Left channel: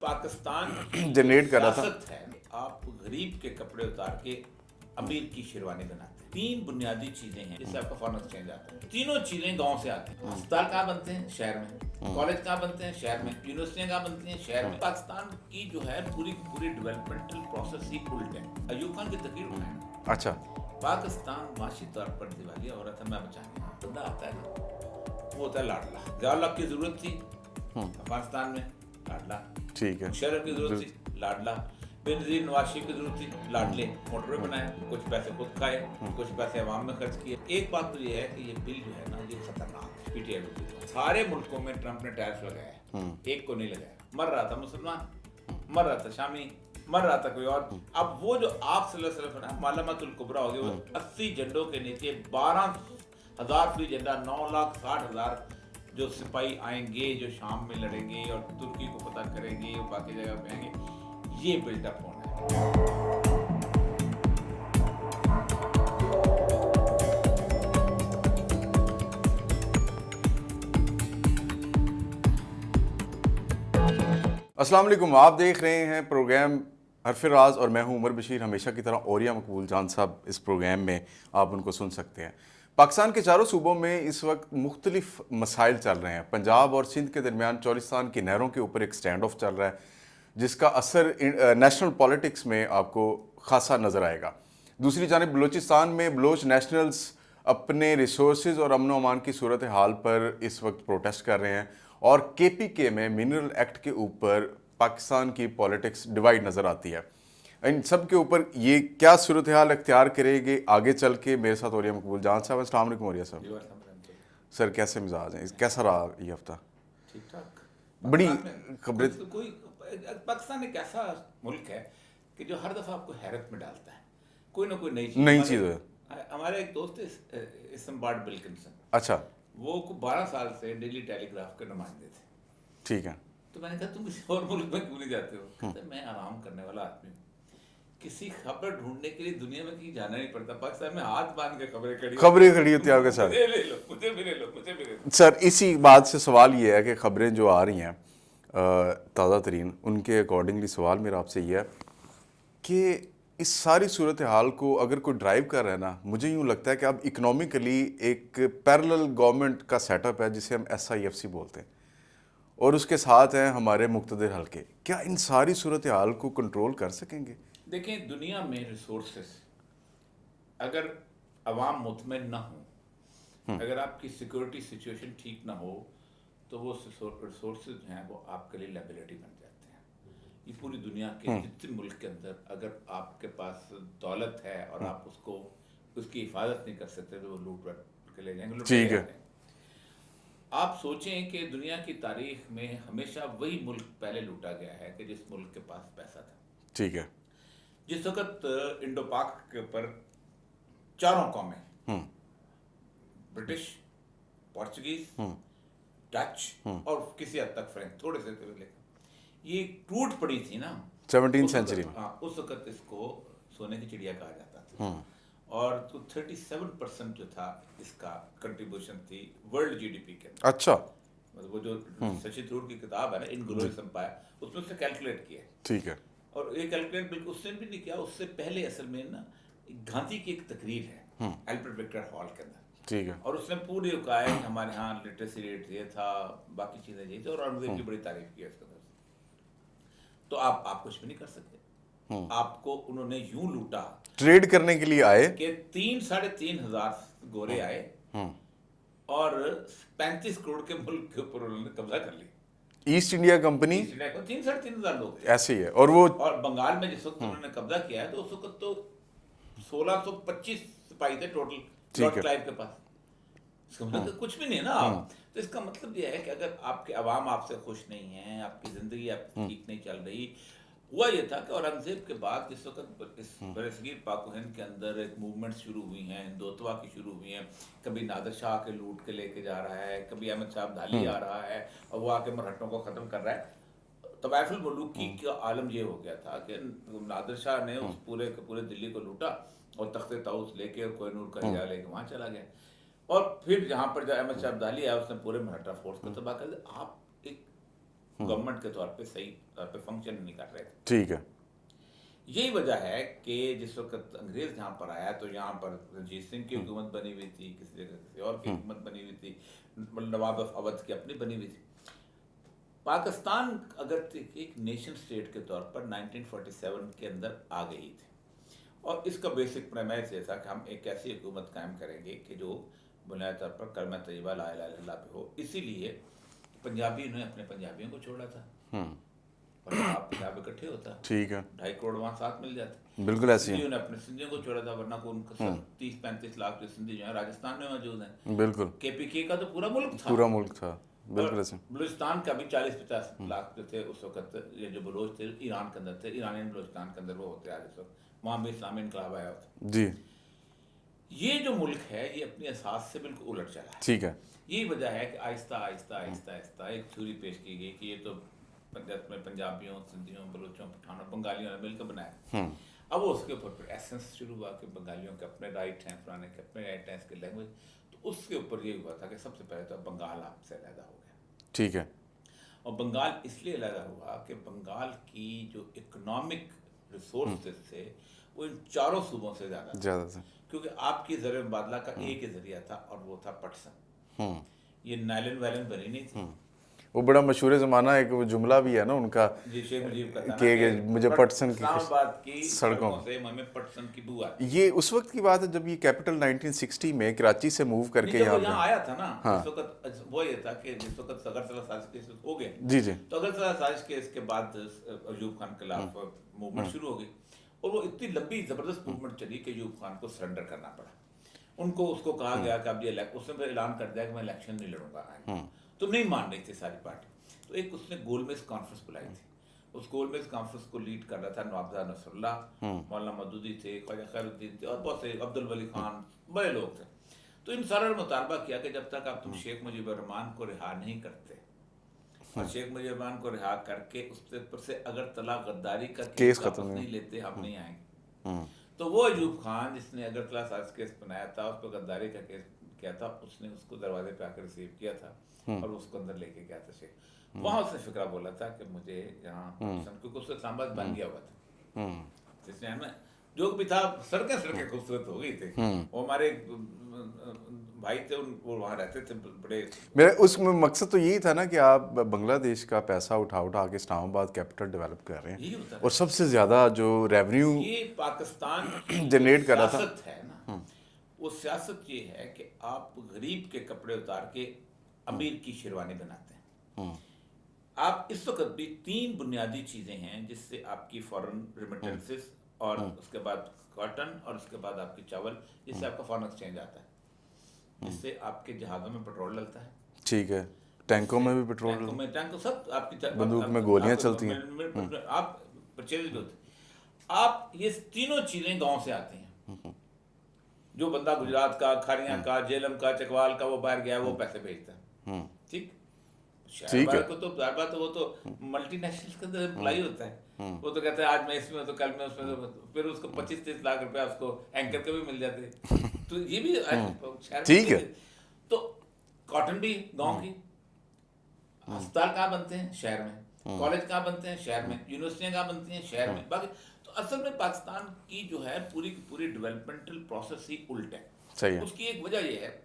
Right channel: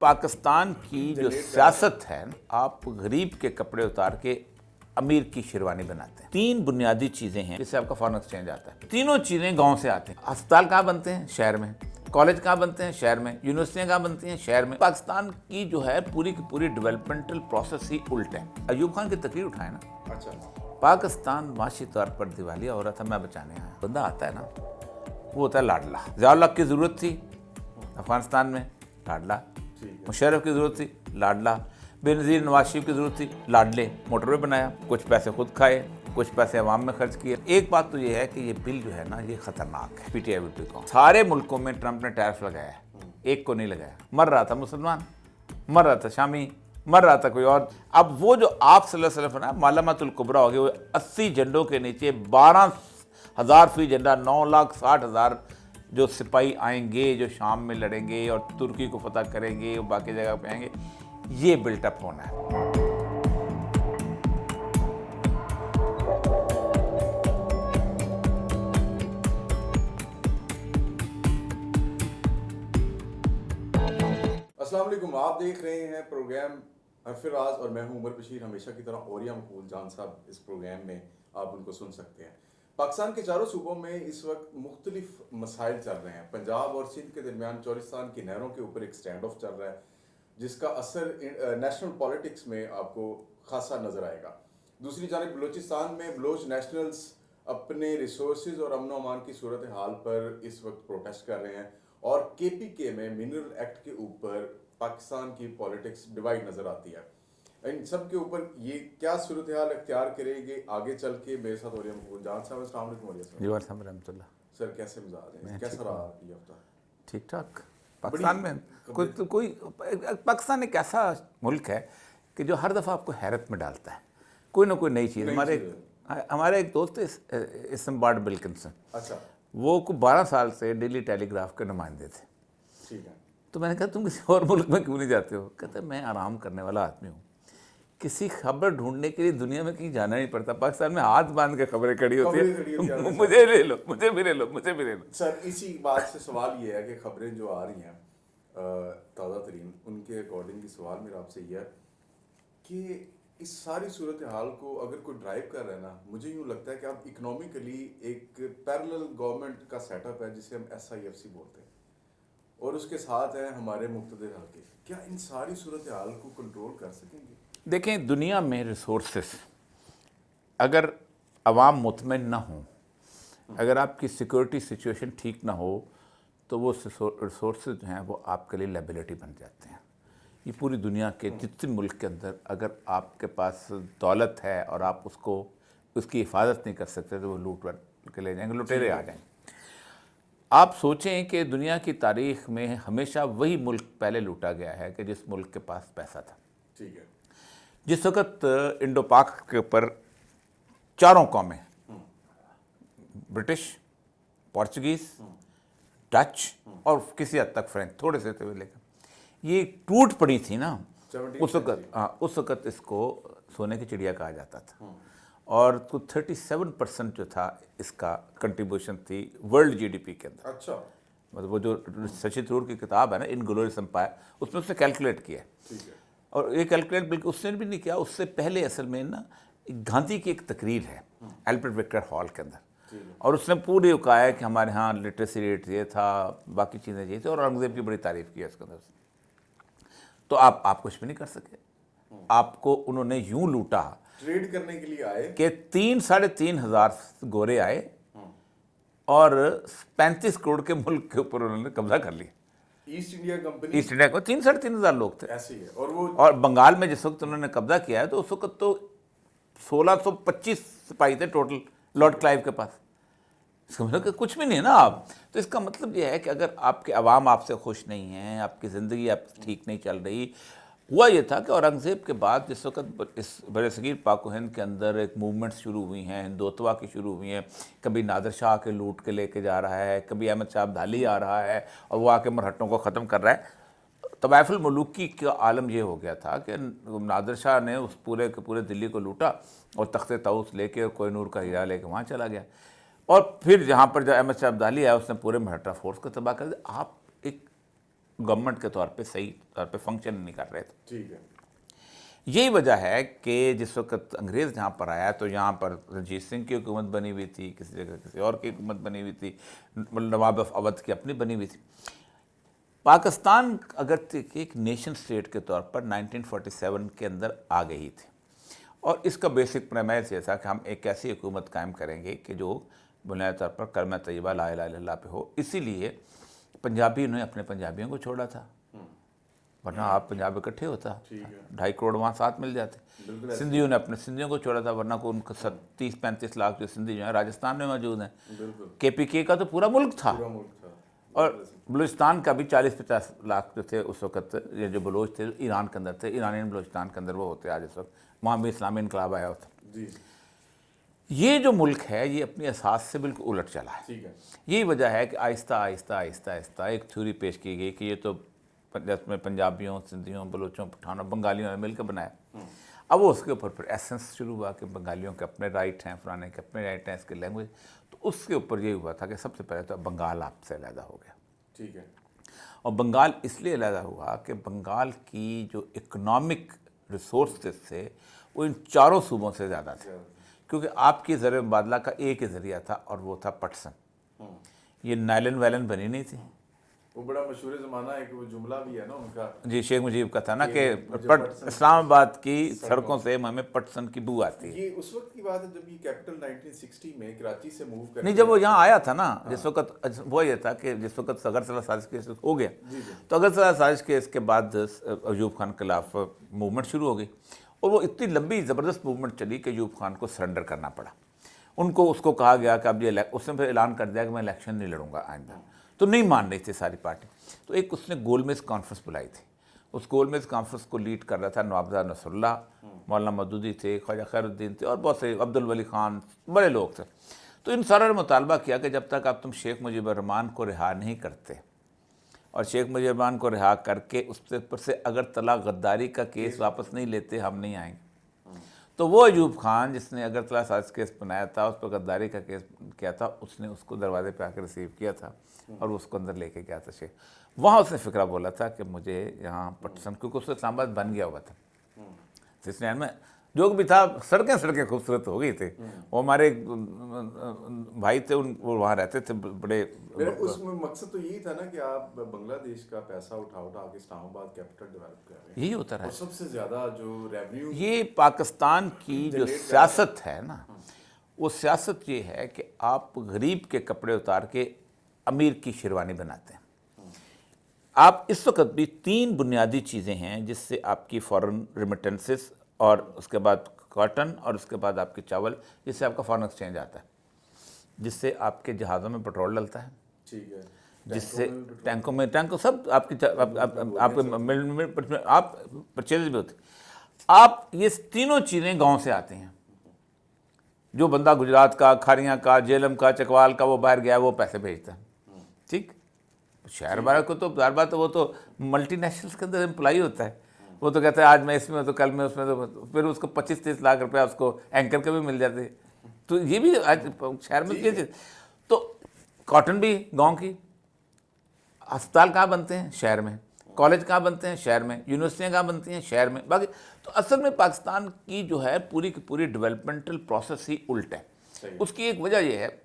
पाकिस्तान की जो जनरेट कर रहा था। सियासत है, आप गरीब के कपड़े उतार के अमीर की शेरवानी बनाते हैं। तीन बुनियादी चीजें हैं जिससे आपका फॉरेन एक्सचेंज आता है। तीनों चीजें गांव से आती हैं। अस्पताल कहाँ बनते हैं? शहर में। कॉलेज कहाँ बनते हैं? शहर में। यूनिवर्सिटियां कहाँ बनती हैं? शहर में। पाकिस्तान की जो है पूरी की पूरी डेवलपमेंटल प्रोसेस ही उल्ट है। अयूब खान की तकरीर उठाए ना, अच्छा, पाकिस्तान माशी तौर पर दिवालिया हो रहा था, मैं बचाने आया। बंदा आता है ना, वो होता है लाडला। ज़ियाउल हक की जरूरत थी अफगानिस्तान में, लाडला। ठीक है। मुशर्रफ की जरूरत थी, लाडला। बेनजीर नवाज शरीफ की जरूरत थी, लाडले। मोटरवे बनाया, कुछ पैसे खुद खाए, कुछ पैसे अवाम में खर्च किए। एक बात तो ये है कि ये बिल जो है ना, ये खतरनाक है। पीटीआई विल को सारे मुल्कों में ट्रंप ने टैरिफ लगाया है, एक को नहीं लगाया। मर रहा था मुसलमान, मर रहा था शामी, मर रहा था कोई और। अब वो जो आप सल्लल्लाहु अलैहि वसल्लम ना मालामातुल कुबरा हो गया, वो 80 झंडों के नीचे 12,000 फी झंडा, 9,60,000 जो सिपाही आएंगे, जो शाम में लड़ेंगे और तुर्की को फतह करेंगे और बाकी जगह पे आएंगे, ये बिल्टअप होना है। अस्सलाम वालेकुम, आप देख रहे हैं प्रोग्राम हरफ राज और मैं हूं उमर बशीर। हमेशा की तरह औरिया मकबूल जान साहब इस प्रोग्राम में आप उनको सुन सकते हैं। पाकिस्तान के चारों सूबों में इस वक्त मुख्तलिफ मसाइल चल रहे हैं। पंजाब और सिंध के दरमियान चौलिस्तान की नहरों के ऊपर एक स्टैंड ऑफ चल रहा है, जिसका असर नेशनल पॉलिटिक्स में आपको खासा नज़र आएगा। दूसरी जानिब बलूचिस्तान में बलोच नेशनल्स अपने रिसोर्सेज और अमन अमान की सूरत हाल पर इस वक्त प्रोटेस्ट कर रहे हैं और KPK में मिनरल एक्ट के ऊपर पाकिस्तान की पॉलिटिक्स डिवाइड नज़र आती है। इन सब के ऊपर ये क्या सूरत हाल अख्तियार करेगी आगे चल के? मेरे साथ औरिया मकबूल जान साहब। अस्सलाम वालेकुम औरिया साहब। सर कैसे मिजाज हैं? कैसा रहा ये हफ्ता? ठीक ठाक। बड़ी पाकिस्तान में कोई पाकिस्तान एक ऐसा मुल्क है कि जो हर दफ़ा आपको हैरत में डालता है, कोई ना कोई नई चीज़। हमारे एक दोस्त है इसम्बार्ड बिल्किंसन, अच्छा, वो को 12 साल से डेली टेलीग्राफ के नुमाइंदे थे। ठीक है। तो मैंने कहा तुम किसी और मुल्क में क्यों नहीं जाते हो? कहते मैं आराम करने वाला आदमी हूँ, किसी खबर ढूंढने के लिए दुनिया में कहीं जाना नहीं पड़ता। पाकिस्तान में हाथ बांध के खबरें खड़ी होती है, मुझे ले लो, मुझे भी ले लो, मुझे भी ले लो। सर इसी बात से सवाल ये है कि खबरें जो आ रही हैं ताज़ा तरीन, उनके अकॉर्डिंगली सवाल मेरा आपसे ये है कि इस सारी सूरत हाल को अगर कोई ड्राइव कर रहा है ना, मुझे यूँ लगता है कि अब इकोनॉमिकली एक पैरेलल गवर्नमेंट का सेटअप है जिसे हम SIFC बोलते हैं, और उसके साथ हैं हमारे मुक़्तदिर हल्के। क्या इन सारी सूरत हाल को कंट्रोल कर सकेंगे? देखें, दुनिया में रिसोर्सेस, अगर अवाम मुतमईन ना हो, अगर आपकी सिक्योरिटी सिचुएशन ठीक ना हो, तो वो रिसोर्सेज जो हैं वो आपके लिए लायबिलिटी बन जाते हैं। ये पूरी दुनिया के जितने मुल्क के अंदर अगर आपके पास दौलत है और आप उसकी हिफाजत नहीं कर सकते, तो वो लूट के ले जाएंगे, लुटेरे आ जाएंगे। आप सोचें कि दुनिया की तारीख में हमेशा वही मुल्क पहले लूटा गया है कि जिस मुल्क के पास पैसा था। ठीक है। जिस वक्त इंडो पाक के ऊपर चारों कौमें, ब्रिटिश, पोर्चुगीज, डच और किसी हद तक फ्रेंच, थोड़े से थे लेकिन ये टूट पड़ी थी ना 17वीं सेंचुरी में। उस वक्त इसको सोने की चिड़िया कहा जाता था। और तो 37% जो था इसका कंट्रीब्यूशन थी वर्ल्ड GDP के अंदर। अच्छा, मतलब वो जो शशि थरूर की किताब है ना, इनग्लोरियस एम्पायर, उसमें उसने कैलकुलेट किया है। ठीक है। और ये कैलकुलेट बिल्कुल उसने भी नहीं किया, उससे पहले असल में ना गांधी की एक तकरीर है एल्फ्रेड विक्टर हॉल के अंदर। ठीक है। और उसने पूरे कहा है कि हमारे यहाँ लिटरेसी रेट ये था, बाकी चीज़ें ये थी, और औरंगजेब की बड़ी तारीफ की है उसके अंदर। तो आप कुछ भी नहीं कर सके। आपको उन्होंने यूं लूटा, ट्रेड करने के लिए आए कि 3-3.5 हज़ार गोरे आए और 35 करोड़ के मुल्क के ऊपर उन्होंने कब्जा कर लिया। East India company, east India को 3-3.5 हज़ार लोग थे, ऐसे ही है। और वो और बंगाल में जिस वक्त उन्होंने कब्जा किया है, तो उस वक्त तो 1625 सिपाही थे टोटल लॉर्ड क्लाइव के पास। इसका मतलब कि कुछ भी नहीं है ना आप। तो इसका मतलब यह है कि अगर आपके अवाम आपसे खुश नहीं है, आपकी ज़िंदगी आपकी ठीक नहीं चल रही। हुआ ये था कि औरंगज़ेब के बाद जिस वक्त इस बरसगीर पाक व हिंद के अंदर एक मूवमेंट शुरू हुई हैं, हिंदुत्वा की शुरू हुई हैं। कभी नादिर शाह के लूट के लेके जा रहा है, कभी अहमद शाह अब्दाली आ रहा है और वो आके मरहट्टों को ख़त्म कर रहा है। तवाइफुल मुलूकी का आलम ये हो गया था कि नादिर शाह ने उस पूरे के पूरे दिल्ली को लूटा और तख्ते ताऊस लेके कोहिनूर का हीरा लेके वहाँ चला गया। और फिर जहाँ पर जब अहमद शाह अब्दाली आया, उसने पूरे मराठा फोर्स को तबाह कर दिया। आप एक गवर्नमेंट के तौर पे सही तौर पे फंक्शन नहीं कर रहे थे। ठीक है। यही वजह है कि जिस वक्त अंग्रेज़ यहाँ पर आया तो यहाँ पर रणजीत सिंह की हुकूमत बनी हुई थी, किसी जगह किसी और की हुकूमत बनी हुई थी, नवाब ऑफ अवध की अपनी बनी हुई थी। पाकिस्तान अगर एक नेशन स्टेट के तौर पर 1947 के अंदर आ गई थी और इसका बेसिक प्रेमाइस ये था कि हम एक ऐसी हुकूमत कायम करेंगे कि जो बुनियादी तौर पर कलमा तैयबा ला इलाहा इल्लल्लाह पे हो। इसीलिए पंजाबी ने अपने पंजाबियों को छोड़ा था, वरना आप पंजाब इकट्ठे होता, ठीक है, 2.5 करोड़ वहाँ साथ मिल जाते। बिल्कुल ऐसे सिंधियों ने अपने सिंधियों को छोड़ा था, वरना को उनको 30-35 लाख जो सिंधी जो है राजस्थान में मौजूद हैं। बिल्कुल KPK का तो पूरा मुल्क था, पूरा मुल्क था। और बलूचिस्तान का भी 40-50 लाख जो थे उस वक्त, ये जो बलोच थे ईरान के अंदर थे, ईरानियन बलूचिस्तान के अंदर वो होते आज इस वक्त, वहाँ भी इस्लामी इनकलाब आया होता। जी, ये जो मुल्क है ये अपनी असास से बिल्कुल उलट चला है। ठीक है। यही वजह है कि आहिस्ता आहिस्ता आहिस्ता आहिस्ता एक थ्योरी पेश की गई कि ये तो में पंजाबियों, सिंधियों, बलोचों, पठानों, बंगालियों ने मिलकर बनाया। अब वो उसके ऊपर फिर एसेंस शुरू हुआ कि बंगालियों के अपने राइट हैं, फलाने के अपने राइट हैं, इसके लैंग्वेज। तो उसके ऊपर ये हुआ था कि सबसे पहले तो बंगाल आपसे अलहदा हो गया। ठीक है। और बंगाल इसलिए अलहदा हुआ कि बंगाल की जो इकोनॉमिक रिसोर्सेज थे वो इन चारों सूबों से ज़्यादा थे, क्योंकि आपकी ज़र मुबादला का एक ही ज़रिया था और वो था पटसन। ये नायलन वैलन बनी नहीं थी। वो बड़ा मशहूर ज़माना एक वो जुमला भी है ना उनका, जी, शेख मुजीब का था ना कि मुझे पटसन इस्लामाबाद की सड़कों से हमें पटसन की बू आती। ये उस वक्त की बात है जब ये कैपिटल 1960 में कराची से मूव करके नहीं, जब वो यहाँ आया था ना, जिस वक्त वो ये था कि जिस वक्त अगरतला साजिश केस हो गया, जी जी, तो अगरतला साजिश केस के बाद अयूब खान के खिलाफ मूवमेंट शुरू हो गई और वो इतनी लंबी ज़बरदस्त मूवमेंट चली कि अयूब खान को सरेंडर करना पड़ा। उनको उसको कहा गया कि अब ये, उसने फिर ऐलान कर दिया कि मैं इलेक्शन नहीं लड़ूंगा आइंदा। तो नहीं मान रही थी सारी पार्टी। तो एक उसने गोलमेज कॉन्फ्रेंस बुलाई थी। उस गोलमेज कॉन्फ्रेंस को लीड कर रहा था नवाबजाद नसरुल्लाह, मौलाना मदूदी थे, ख्वाजा खैरुद्दीन थे और बहुत से, अब्दुल वली खान, बड़े लोग थे। तो इन सारा ने मुतालबा किया कि जब तक आप तुम शेख मुजीबुर रहमान को रिहा नहीं करते और शेख मुजीबुर रहमान को रिहा करके उसके ऊपर से अगरतला गद्दारी का केस वापस नहीं लेते, हम नहीं आएंगे। तो वो अयूब खान जिसने अगरतला साजिश केस बनाया था, उस पर गद्दारी का केस किया था, उसने उसको दरवाजे पे आकर रिसीव किया था और उसको अंदर लेके गया था शेख। वहाँ उसने फिक्रा बोला था कि मुझे यहाँ पटसन, क्योंकि उससे इस्लामाबाद बन गया हुआ था 69 में, जो भी था, सड़कें खूबसूरत हो गई थी। वो हमारे भाई थे, वो वहाँ रहते थे बड़े। मेरा उसमें मकसद तो यही था ना कि आप बांग्लादेश का पैसा उठा के इस्लामाबाद कैपिटल डेवलप कर रहे हैं, यही होता है। और सबसे ज़्यादा जो रेवेन्यू ये पाकिस्तान की जनरेट कर सियासत है ना, वो सियासत ये है कि आप गरीब के कपड़े उतार के अमीर की शेरवानी बनाते हैं। आप इस वक्त भी 3 बुनियादी चीज़ें हैं जिससे आपकी फॉरेन रिमिटेंसेस और उसके बाद कॉटन और उसके बाद आपके चावल, जिससे आपका फॉरेन एक्सचेंज आता है, जिससे आपके जहाज़ों में पेट्रोल डलता है। ठीक है, टैंकों में भी पेट्रोल, टैंकों सब आपकी में आप परचेज भी होती। आप ये तीनों चीज़ें गांव से आती हैं। जो बंदा गुजरात का, खारियाँ का, जेलम का, चकवाल का वो बाहर गया, वो पैसे भेजता है। ठीक, शहर वाले को तो हर बात, वो तो मल्टीनेशनल्स के अंदर एम्प्लॉई होता है। वो तो कहता है आज मैं इसमें, तो कल मैं उसमें, तो फिर उसको 25-30 लाख रुपया उसको एंकर के भी मिल जाते। तो ये भी आज शहर में। तो कॉटन भी गांव की, अस्पताल कहाँ बनते हैं? शहर में। कॉलेज कहाँ बनते हैं? शहर में। यूनिवर्सिटियाँ कहाँ बनती हैं? शहर में। बाकी तो असल में पाकिस्तान की जो है पूरी की पूरी डेवलपमेंटल प्रोसेस ही उल्ट है। सही है। उसकी एक वजह यह है,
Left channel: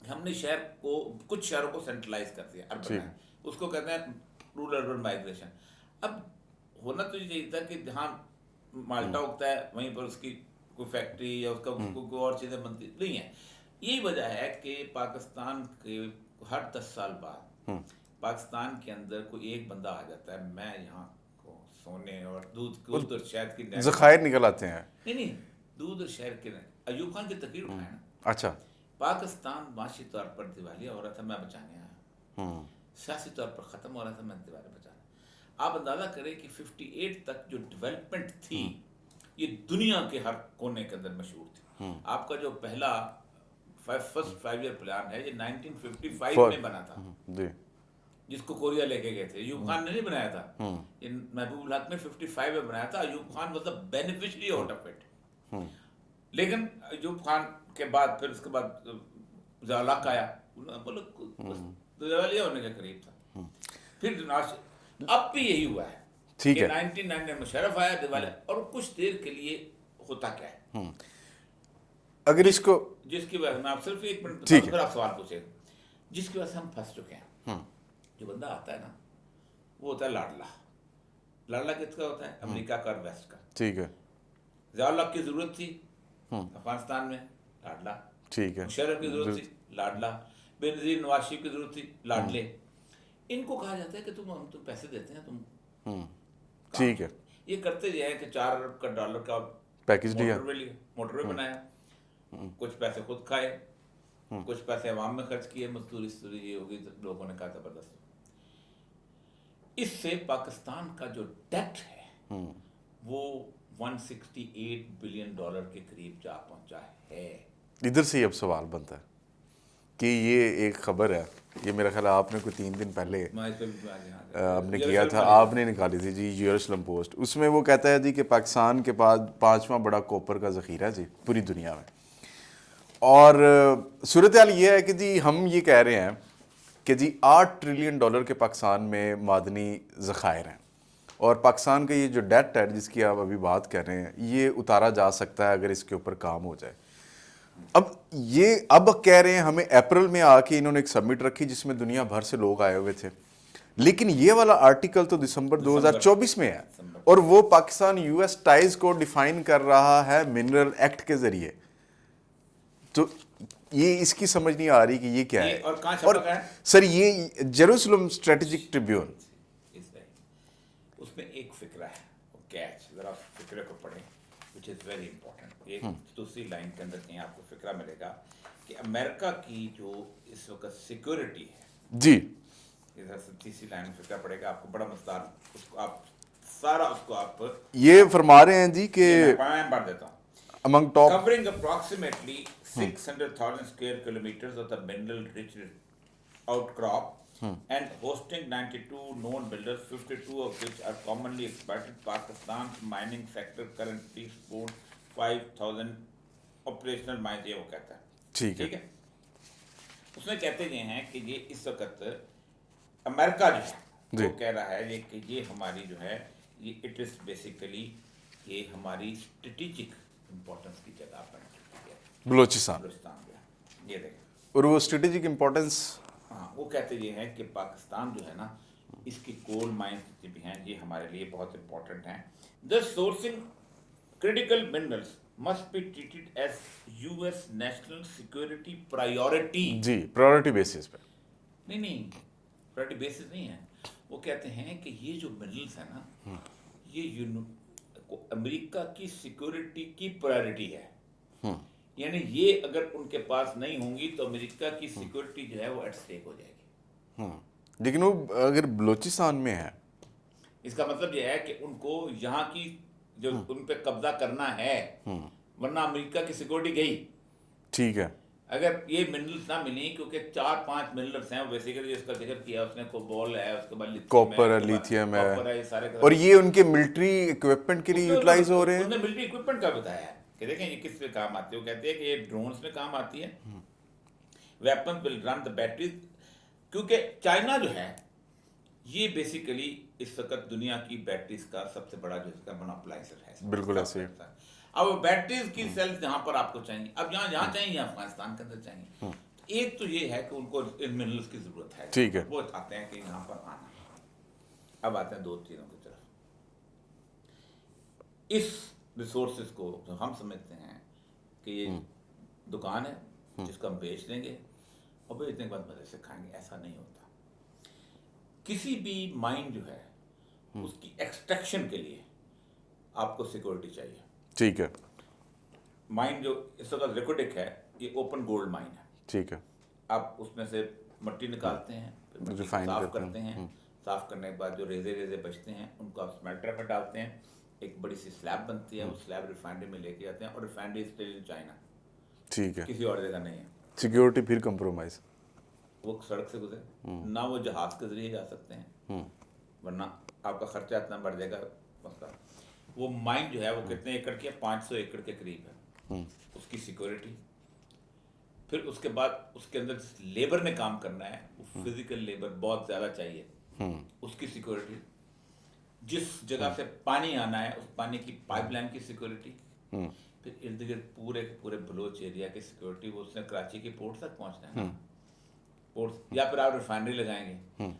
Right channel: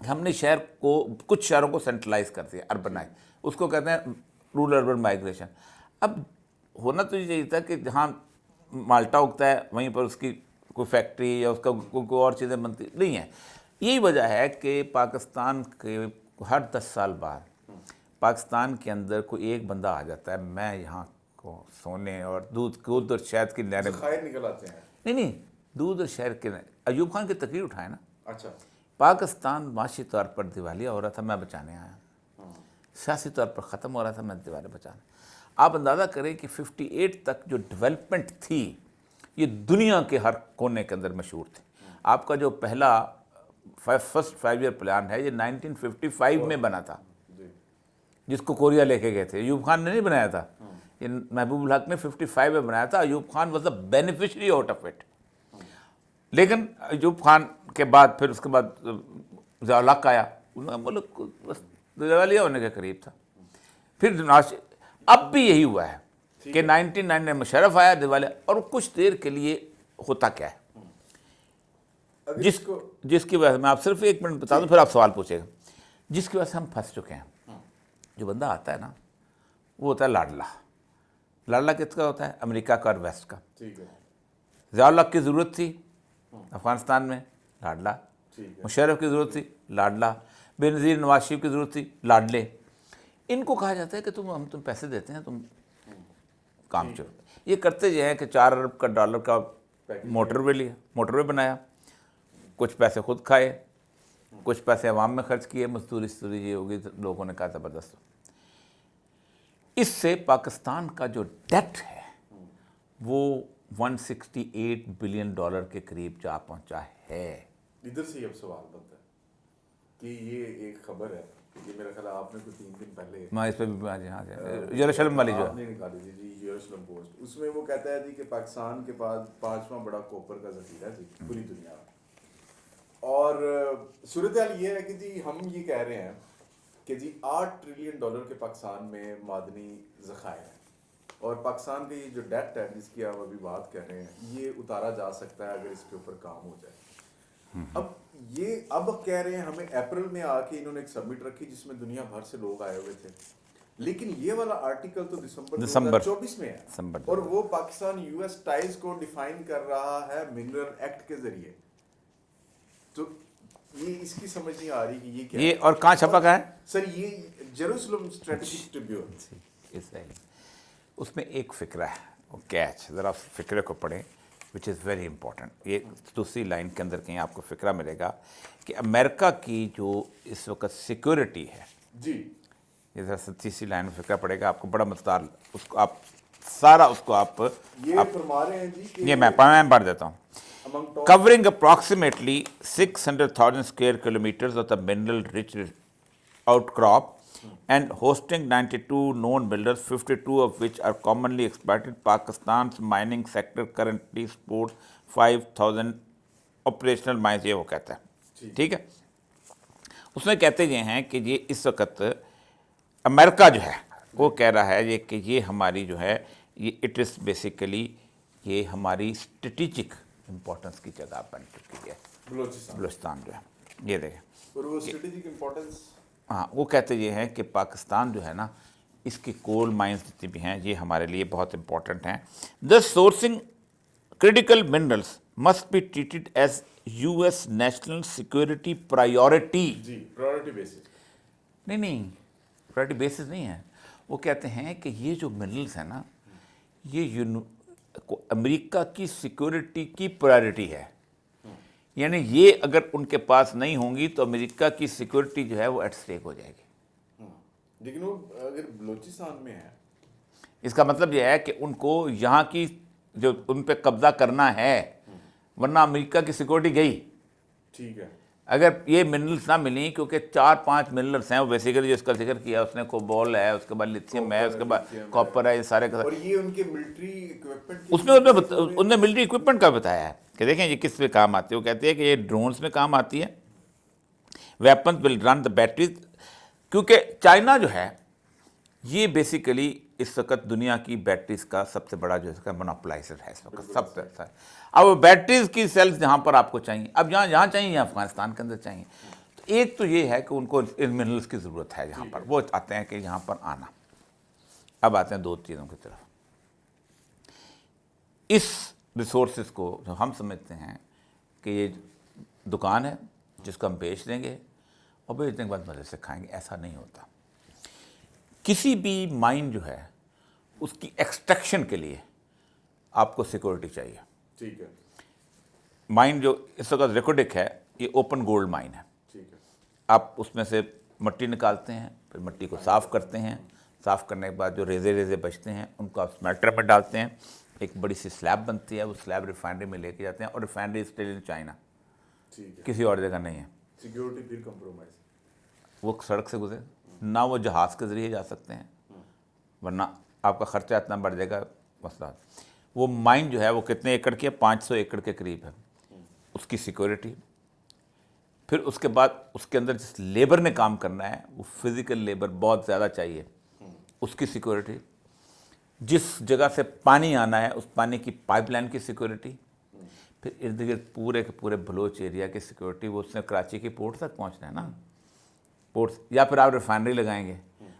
हमने शहर को, कुछ शहरों को सेंट्रलाइज कर दिया, अर्बनाइज, उसको कहते हैं रूरल अर्बन माइग्रेशन। अब होना तो यही था कि जहाँ माल्टा उगता है वहीं पर उसकी कोई फैक्ट्री या उसका कोई और चीज़ें बनती नहीं है। यही वजह है कि पाकिस्तान के हर 10 साल बाद पाकिस्तान के अंदर कोई एक बंदा आ जाता है, मैं यहाँ को सोने और दूध और शहद की ज़खायर निकल आते हैं। नहीं, दूध और शहद के। अयूब खान की तकरीर उठाए ना। अच्छा, पाकिस्तान माशी तौर पर दिवालिया हो रहा था, मैं बचाने आया। सियासी तौर पर ख़त्म हो रहा था, मैं दिवालिया बचाने। आप अंदाज़ा करें कि 58 तक जो डेवलपमेंट थी ये दुनिया के हर कोने के अंदर मशहूर थी। आपका जो पहला फर्स्ट 5 ईयर प्लान है ये 1955 में बना था जी, जिसको कोरिया लेके गए थे। अयूब खान ने नहीं बनाया था, ये महबूब हक ने 55 में बनाया था। Ayub Khan was the beneficiary out of it. लेकिन अयूब खान के बाद फिर उसके बाद ज़िया-उल-हक आया, मुल्क दिवालिया होने के करीब था। फिर अब भी यही हुआ है ठीक कि है। 1999 में मुशर्रफ आया दिवाले, और कुछ देर के लिए होता क्या है अगर इसको जिसकी वजह से मैं आप सिर्फ एक मिनट बता दूं, फिर आप सवाल पूछेगा, जिसकी वजह से हम फंस चुके हैं। जो बंदा आता है ना, वो होता है लाडला। लाडला किसका होता है? अमेरिका का और वेस्ट का। ठीक है, ज़ियाउल हक की ज़रूरत थी अफगानिस्तान में, लाडला। ठीक है, मुशर्रफ की ज़रूरत थी, लाडला। बेनज़ीर नवाज शरीफ की ज़रूरत थी, लाडले। इनको कहा जाता है कि हम तुम पैसे देते हैं, तुम काम ठीक है। चलाओ। ये करते ये हैं कि 4 अरब का डॉलर का पैकेज मोटरवे लिया, मोटरवे बनाया, कुछ पैसे खुद खाए, कुछ पैसे अवाम में खर्च किए, मजदूरी ये होगी, तो लोगों ने कहा ज़बरदस्त। इससे पाकिस्तान का जो डेट है वो 168 बिलियन डॉलर के करीब जा पहुंचा है। इधर से ही अब सवाल बनता है कि ये एक खबर है, ये मेरा ख्याल है आपने कोई 3 दिन पहले मैं इस पे भी आपने किया था, आपने निकाली थी जी, यरूशलेम पोस्ट। उसमें वो कहता है जी कि पाकिस्तान के पास 5वां बड़ा कॉपर का ज़ख़ीरा है जी पूरी दुनिया में। और सूरत हाल ये है कि जी हम ये कह रहे हैं कि जी 8 ट्रिलियन डॉलर के पाकिस्तान में मादनी ज़ख़ायर हैं, और पाकिस्तान का ये जो डेट है जिसकी आप अभी बात कर रहे हैं, ये उतारा जा सकता है अगर इसके ऊपर काम हो जाए। अब कह रहे हैं हमें अप्रैल में आके इन्होंने एक समिट रखी जिसमें दुनिया भर से लोग आए हुए थे, लेकिन ये वाला आर्टिकल तो दिसंबर 2024 में है, और वो पाकिस्तान यूएस टाइज को डिफाइन कर रहा है मिनरल एक्ट के जरिए। तो ये इसकी समझ नहीं आ रही कि ये क्या ये है। और कहाँ छपा गया है सर? ये जेरूसलम स्ट्रेटेजिक ट्रिब्यून। उसमें एक फिक्रा है, वो कैच, ज़रा फिक्रे को पढ़ें, विच इज़ वेरी इंपॉर्टेंट। ये दूसरी लाइन के अंदर कहीं आपको फिक्रा मिलेगा कि अमेरिका की जो इस वक्त सिक्योरिटी है जी, ये ज़रा 37वीं लाइन में फिक्रा पड़ेगा आपको, बड़ा मज़ेदार, उसको आप सारा उसको आप ये फरमा रहे हैं जी कि ये मैं पढ़ देता हूँ। among top Covering approximately 600,000 square kilometers of the mineral-rich outcrop and hosting 92 known minerals, 52 of which are commonly exploited, Pakistan's mining sector currently supports 5,000 operational mines। ये वो कहता है, ठीक है। उसमें कहते ये हैं कि ये इस वक्त अमेरिका जो है वो कह रहा है ये कि ये हमारी जो है ये इट इज़ बेसिकली ये हमारी स्ट्रेटिजिक इंपॉर्टेंस की जगह बन चुकी है बलूचिस्तान जो है, ये देखें। और वो स्ट्रेटेजिक इंपॉर्टेंस, हाँ, वो कहते ये हैं कि पाकिस्तान जो है ना, इसकी कोल माइंस जितनी भी हैं ये हमारे लिए बहुत इंपॉर्टेंट हैं। The sourcing critical minerals must be treated as US national security priority. जी, प्रायोरिटी बेसिस पे। नहीं, प्रायोरिटी बेसिस नहीं है। वो कहते हैं कि ये जो मिनरल्स है ना, ये अमेरिका की सिक्योरिटी की प्रायोरिटी है। यानी ये अगर उनके पास नहीं होंगी तो अमेरिका की सिक्योरिटी जो है वो एट स्टेक हो जाएगी। लेकिन वो अगर बलूचिस्तान में है, इसका मतलब यह है कि उनको यहाँ की जो उन पे कब्जा करना है, वरना अमेरिका की सिक्योरिटी गई। ठीक है। अगर ये मिनरल्स ना मिली, क्योंकि 4-5 मिनरल्स हैं वो बेसिकली जिसका जिक्र किया उसने, कोबाल्ट है, उसके बाद लिथियम है, उसके बाद कॉपर है, ये सारे का। और ये उनके मिलिट्री इक्विपमेंट के लिए उसने मिलिट्री इक्विपमेंट का बताया है कि देखें ये किस पे काम आती है। वो कहते हैं कि ये ड्रोन्स में काम आती है, weapons will run the batteries, क्योंकि चाइना जो है ये बेसिकली इस वक्त दुनिया की बैटरीज का सबसे बड़ा जो इसका मोनोपोलाइजर है। बिल्कुल सबसे अच्छा। अब बैटरीज की सेल्स जहाँ पर आपको चाहिए, अब जहाँ चाहिए अफगानिस्तान के अंदर चाहिए, तो एक तो ये है कि उनको इन मिनरल्स की ज़रूरत है, ठीक है, वो चाहते हैं कि यहाँ पर आना। अब आते हैं दो चीज़ों की तरफ। इस रिसोर्सेज को जो हम समझते हैं कि ये दुकान है जिसको हम बेच देंगे और बेचने के बाद मज़े से खाएंगे, ऐसा नहीं होता। किसी भी माइन जो है उसकी एक्सट्रैक्शन के लिए आपको सिक्योरिटी चाहिए। ठीक है। माइन जो इस वक्त रिकॉर्डिक है ये ओपन गोल्ड माइन है। ठीक है। आप उसमें से मट्टी निकालते हैं, फिर मट्टी को साफ़ करते हैं, साफ़ करने के बाद जो रेजे बचते हैं उनको आप स्मेल्टर में डालते हैं, एक बड़ी सी स्लैब बनती है, वो स्लैब रिफाइनरी में लेके जाते हैं, और रिफाइनरी स्टिल इन चाइना। ठीक है। किसी और जगह नहीं है। सिक्योरिटी फिर कंप्रोमाइज़, वो सड़क से गुजरे ना, वो जहाज़ के ज़रिए जा सकते हैं, वरना आपका खर्चा इतना बढ़ जाएगा मसला। वो माइन जो है वो कितने एकड़ की है? 500 एकड़ के करीब है। उसकी सिक्योरिटी, फिर उसके बाद उसके अंदर जिस लेबर ने काम करना है वो फिजिकल लेबर बहुत ज़्यादा चाहिए, उसकी सिक्योरिटी, जिस जगह से पानी आना है उस पानी की पाइपलाइन की सिक्योरिटी, फिर इर्द गिर्द पूरे के पूरे बलोच एरिया की सिक्योरिटी, वो उसने कराची के पोर्ट तक पहुंचना है ना, पोर्ट, या फिर आप रिफाइनरी लगाएंगे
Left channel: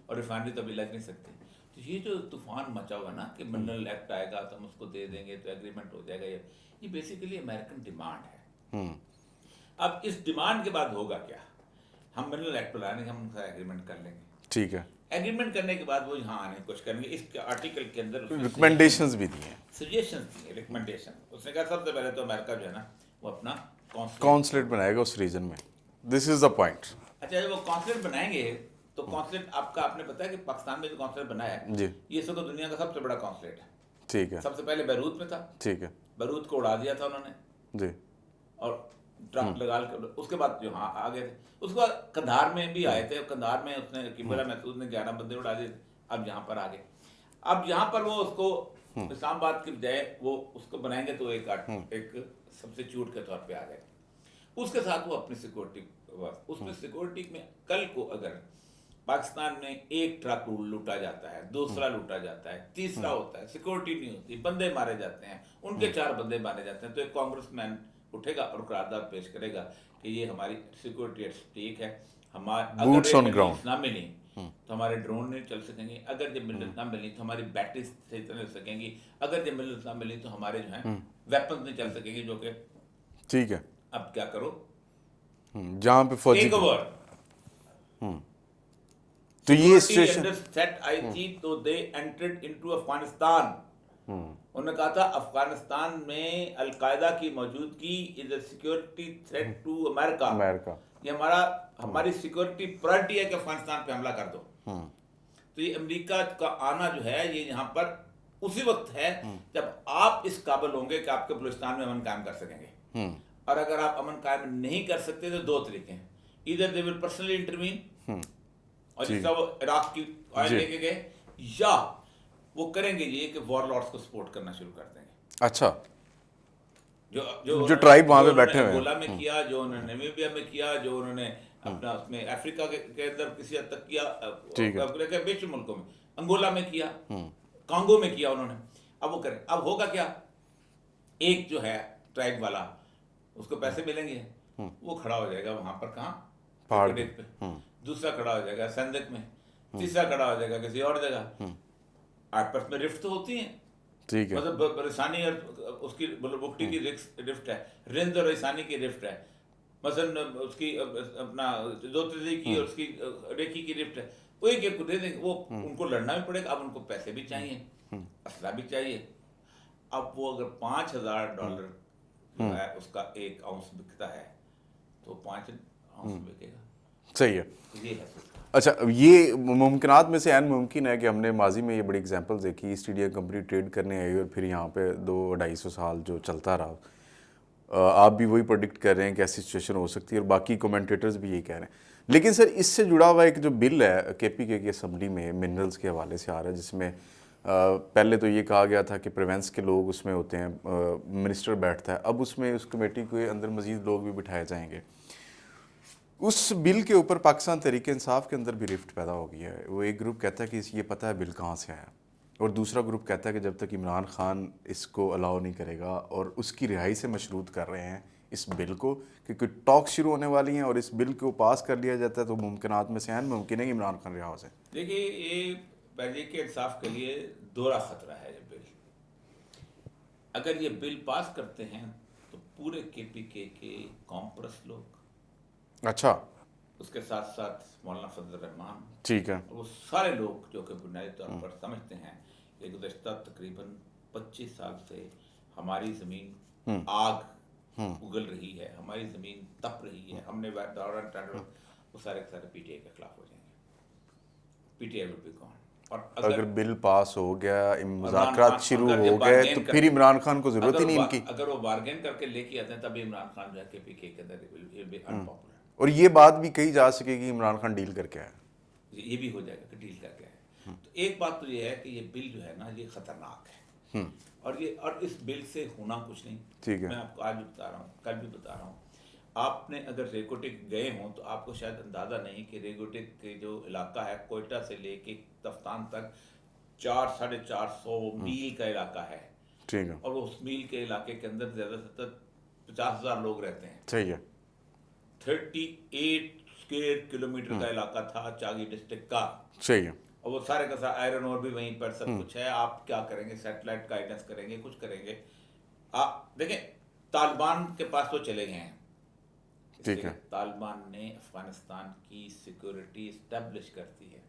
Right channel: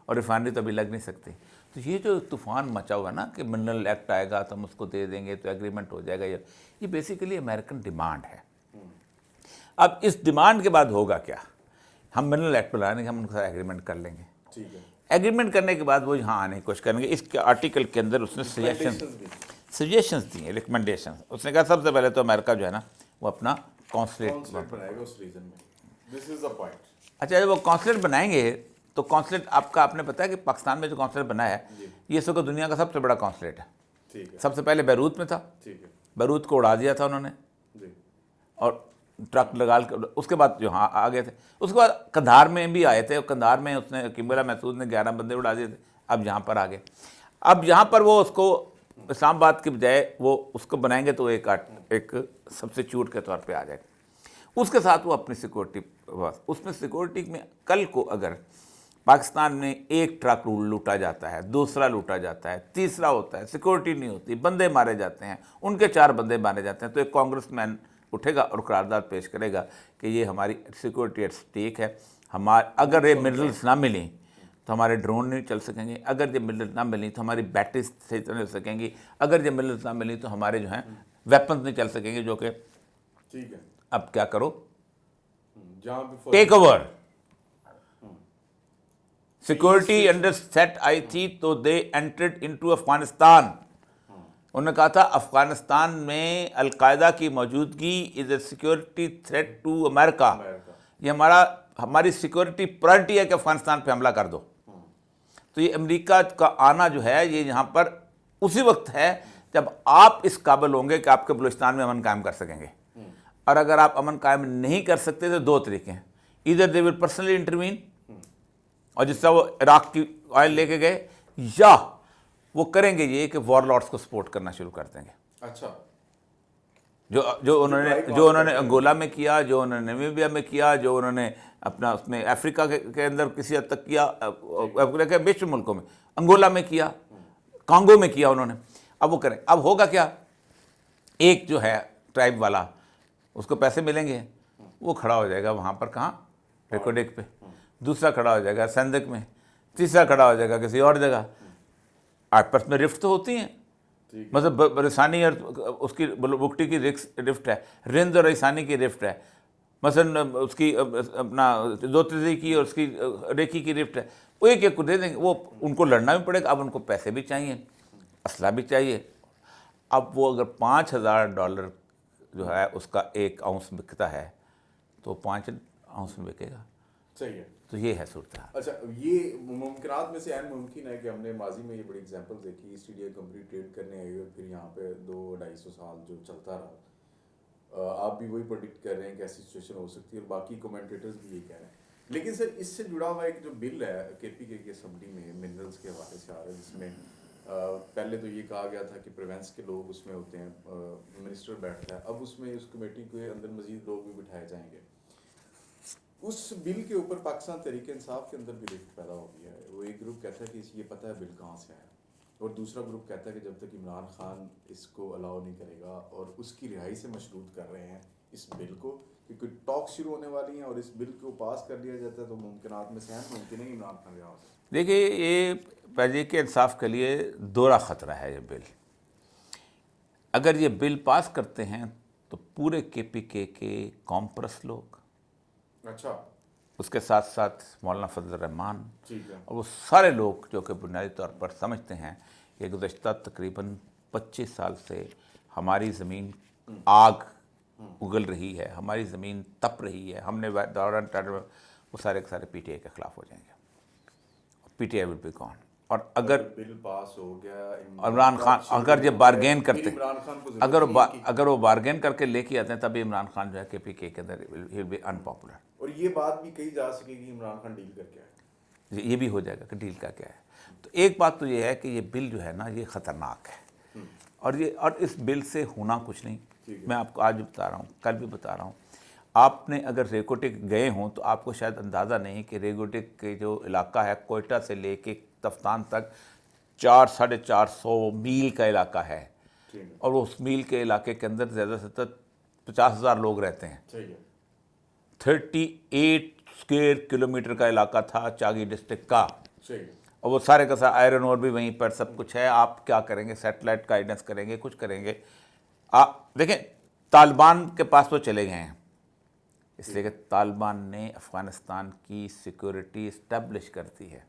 और रिफाइनरी तो अभी लग नहीं सकती। तो ये जो तूफान मचा हुआ ना कि मिनरल एक्ट आएगा तो हम उसको दे देंगे तो एग्रीमेंट हो जाएगा, ये बेसिकली अमेरिकन डिमांड है। अब इस डिमांड के बाद होगा क्या, हम मिनरल एक्ट बनाएंगे, हम उनके साथ एग्रीमेंट कर लेंगे, ठीक है, एग्रीमेंट करने के बाद वो यहाँ आने की कोशिश करेंगे। इसके आर्टिकल के अंदर उसने रिकमेंडेशंस भी दी, सजेशंस दी हैं, रिकमेंडेशन। उसने कहा सबसे पहले तो अमेरिका जो है ना वो अपना कॉन्सुलेट बनाएगा उस रीजन में। This is the point. अच्छा, जब वो कॉन्सुलेट बनाएंगे तो कॉन्सुलेट आपका, आपने पता है कि पाकिस्तान में जो कॉन्सुलेट बना है जी, ये इस वक्त दुनिया का सबसे बड़ा कॉन्सुलेट है। ठीक है, सबसे पहले बैरूत में था, ठीक है, बैरूत को उड़ा दिया था उन्होंने जी, और ट्रक लगा के, उसके बाद जो हाँ आ गए थे, उसके बाद कंधार में भी आए थे, कंधार में उसने किबला महसूद ने 11 बंदे उड़ा दिए थे, अब यहाँ पर आ गए। अब यहाँ पर वो उसको इस्लामाबाद के बजाय वो उसको बनाएंगे तो एक सब्स्टिट्यूट के तौर पे आ जाएगा। उसके साथ वो अपनी सिक्योरिटी, उसमें सिक्योरिटी में कल को अगर पाकिस्तान में एक ट्रक लूटा जाता है, दूसरा लूटा जाता है, तीसरा होता है, सिक्योरिटी नहीं होती, बंदे मारे जाते हैं, उनके 4 बंदे मारे जाते हैं, तो एक कांग्रेसमैन उठेगा और करारदाद पेश करेगा कि ये हमारी सिक्योरिटी एट स्टेक है, अगर ये मिनरल्स ना मिलें तो हमारे ड्रोन नहीं चल सकेंगे, अगर ये मिनरल्स ना मिली तो हमारी बैटरी सही तरह चल सकेंगी, अगर ये मिनरल्स ना मिली तो हमारे जो हैं वेपन्स नहीं चल सकेंगे, जो कि ठीक है। अब क्या करो, जहां पे take over security under set आई थी, तो दे एंटर्ड इनटू अफगानिस्तान। उन्होंने कहा था अफगानिस्तान में अलकायदा की मौजूदगी is a security threat to America, ये हमारी सिक्योरिटी प्रायोरिटी है कि अफगानिस्तान पे हमला कर दो। तो ये अमेरिका का आना जो है ये यहाँ पर उसी वक्त है जब आप इस काबिल होंगे कि आपके बलूचिस्तान में अमन कायम कर सकेंगे। और अगर आप अमन कायम नहीं कर सकते तो 2 तरीके हैं, इधर दे विल पर्सनली इंटरवीन, और जिस तरह वो इराक की ऑयल लेके गए, या वो करेंगे ये कि वॉरलॉर्ड्स को सपोर्ट करना शुरू कर देंगे। अच्छा, जो उन्होंने अंगोला में किया, जो उन्होंने नामीबिया में किया, जो उन्होंने अपना उसमें अफ्रीका के अंदर किसी हद तक किया, विश्व मुल्कों में, अंगोला में किया, कांगो में किया उन्होंने, अब वो करें। अब होगा क्या, एक जो है ट्राइब वाला उसको पैसे मिलेंगे, वो खड़ा हो जाएगा वहाँ पर, कहाँ, एक्वाडेक पे, दूसरा खड़ा हो जाएगा संदक में, तीसरा खड़ा हो जाएगा किसी और जगह। आपस में रिफ्ट तो होती हैं, ठीक है, मतलब रिसानी और उसकी बुकटी की रिफ्ट है, रिंद और रिसानी की रिफ्ट है, मसलन उसकी अपना जोतजी की और उसकी रेखी की रिफ्ट है, वो एक को दे देंगे, वो उनको लड़ना भी पड़ेगा। अब उनको पैसे भी चाहिए, असला भी चाहिए। अब वो अगर $5,000 जो है उसका 1 आउंस बिकता है तो 5 आउंस में बिकेगा। सही है, तो ये है सूरत। अच्छा, ये मुमकिनात में से मुमकिन है कि हमने माजी में ये बड़ी एग्जांपल्स देखी, ईस्ट इंडिया कंपनी ट्रेड करने आई और फिर यहाँ पे 200-250 साल जो चलता रहा। आप भी वही प्रेडिक्ट कर रहे हैं कि ऐसी सिचुएशन हो सकती है और बाकी कमेंटेटर्स भी ये कह रहे हैं। लेकिन सर, इससे जुड़ा हुआ एक जो बिल है KPK की असम्बली में मिनरल्स के हवाले से आ रहा है, जिसमें पहले तो ये कहा गया था कि प्रिवेंस के लोग उसमें होते हैं, मिनिस्टर बैठता है, अब उसमें उस कमेटी के अंदर मजीद लोग भी बिठाए जाएंगे। उस बिल के ऊपर पाकिस्तान तहरीक इंसाफ के अंदर भी रिफ्ट पैदा हो गई है। वो एक ग्रुप कहता है कि ये पता है बिल कहाँ से आया, और दूसरा ग्रुप कहता है कि जब तक इमरान खान इसको अलाउ नहीं करेगा, और उसकी रिहाई से मशरूत कर रहे हैं इस बिल को, क्योंकि टॉक शुरू होने वाली हैं और इस बिल को पास कर लिया जाता है तो मुमकिनात में से मुमकिन है कि इमरान खान रिहा हो जाए। देखिए, ये तहरीक इंसाफ के लिए दोहरा ख़तरा है ये बिल। अगर ये बिल पास करते हैं तो पूरे KPK के कॉम्प्रेस लोग, अच्छा, उसके साथ साथ मौलाना फजल रहमान, ठीक है, और वो सारे लोग जो कि बुनियादी तौर पर समझते हैं कि गुज़श्ता तकरीबन 25 साल से हमारी ज़मीन आग उगल रही है, हमारी ज़मीन तप रही है, हमने दौरान वो सारे के सारे PTI के ख़िलाफ़ हो जाएंगे। PTI will be gone. और अगर बिल पास हो गया, इमरान खान अगर ये बार्गेन करके, इमरान खान को जरूरत नहीं इनकी, अगर वो बार्गेन करके लेके आते हैं तभी इमरान खान जो है KPK के अंदर विल बी अनपॉपुलर। और ये बात भी कही जा सकेगी इमरान खान डील करके आया, ये भी हो जाएगा कि डील का क्या है। तो एक बात तो ये है कि ये बिल जो है ना ये ख़तरनाक है, और इस बिल से होना कुछ नहीं। ठीक है, मैं आपको आज भी बता रहा हूँ, कल भी बता रहा हूँ। आपने अगर रेगोटिक गए हों तो आपको शायद अंदाज़ा नहीं कि रेगोटिक के जो इलाका है कोयटा से लेके तफ्तान तक 400-450 मील का इलाका है, ठीक है, और उस मील के इलाके के अंदर ज़्यादा से ज़्यादा 50,000 लोग रहते हैं। सही है, 38 स्क्वायर किलोमीटर का इलाका था चागी डिस्ट्रिक्ट का, सही है, और वो सारे का सारा आयरन और भी वहीं पर सब कुछ है। आप क्या करेंगे, सैटेलाइट गाइडेंस करेंगे, कुछ करेंगे। आप देखें, तालिबान के पास तो चले गए हैं, इसलिए कि तालिबान ने अफगानिस्तान की सिक्योरिटी इस्टेब्लिश कर दी है।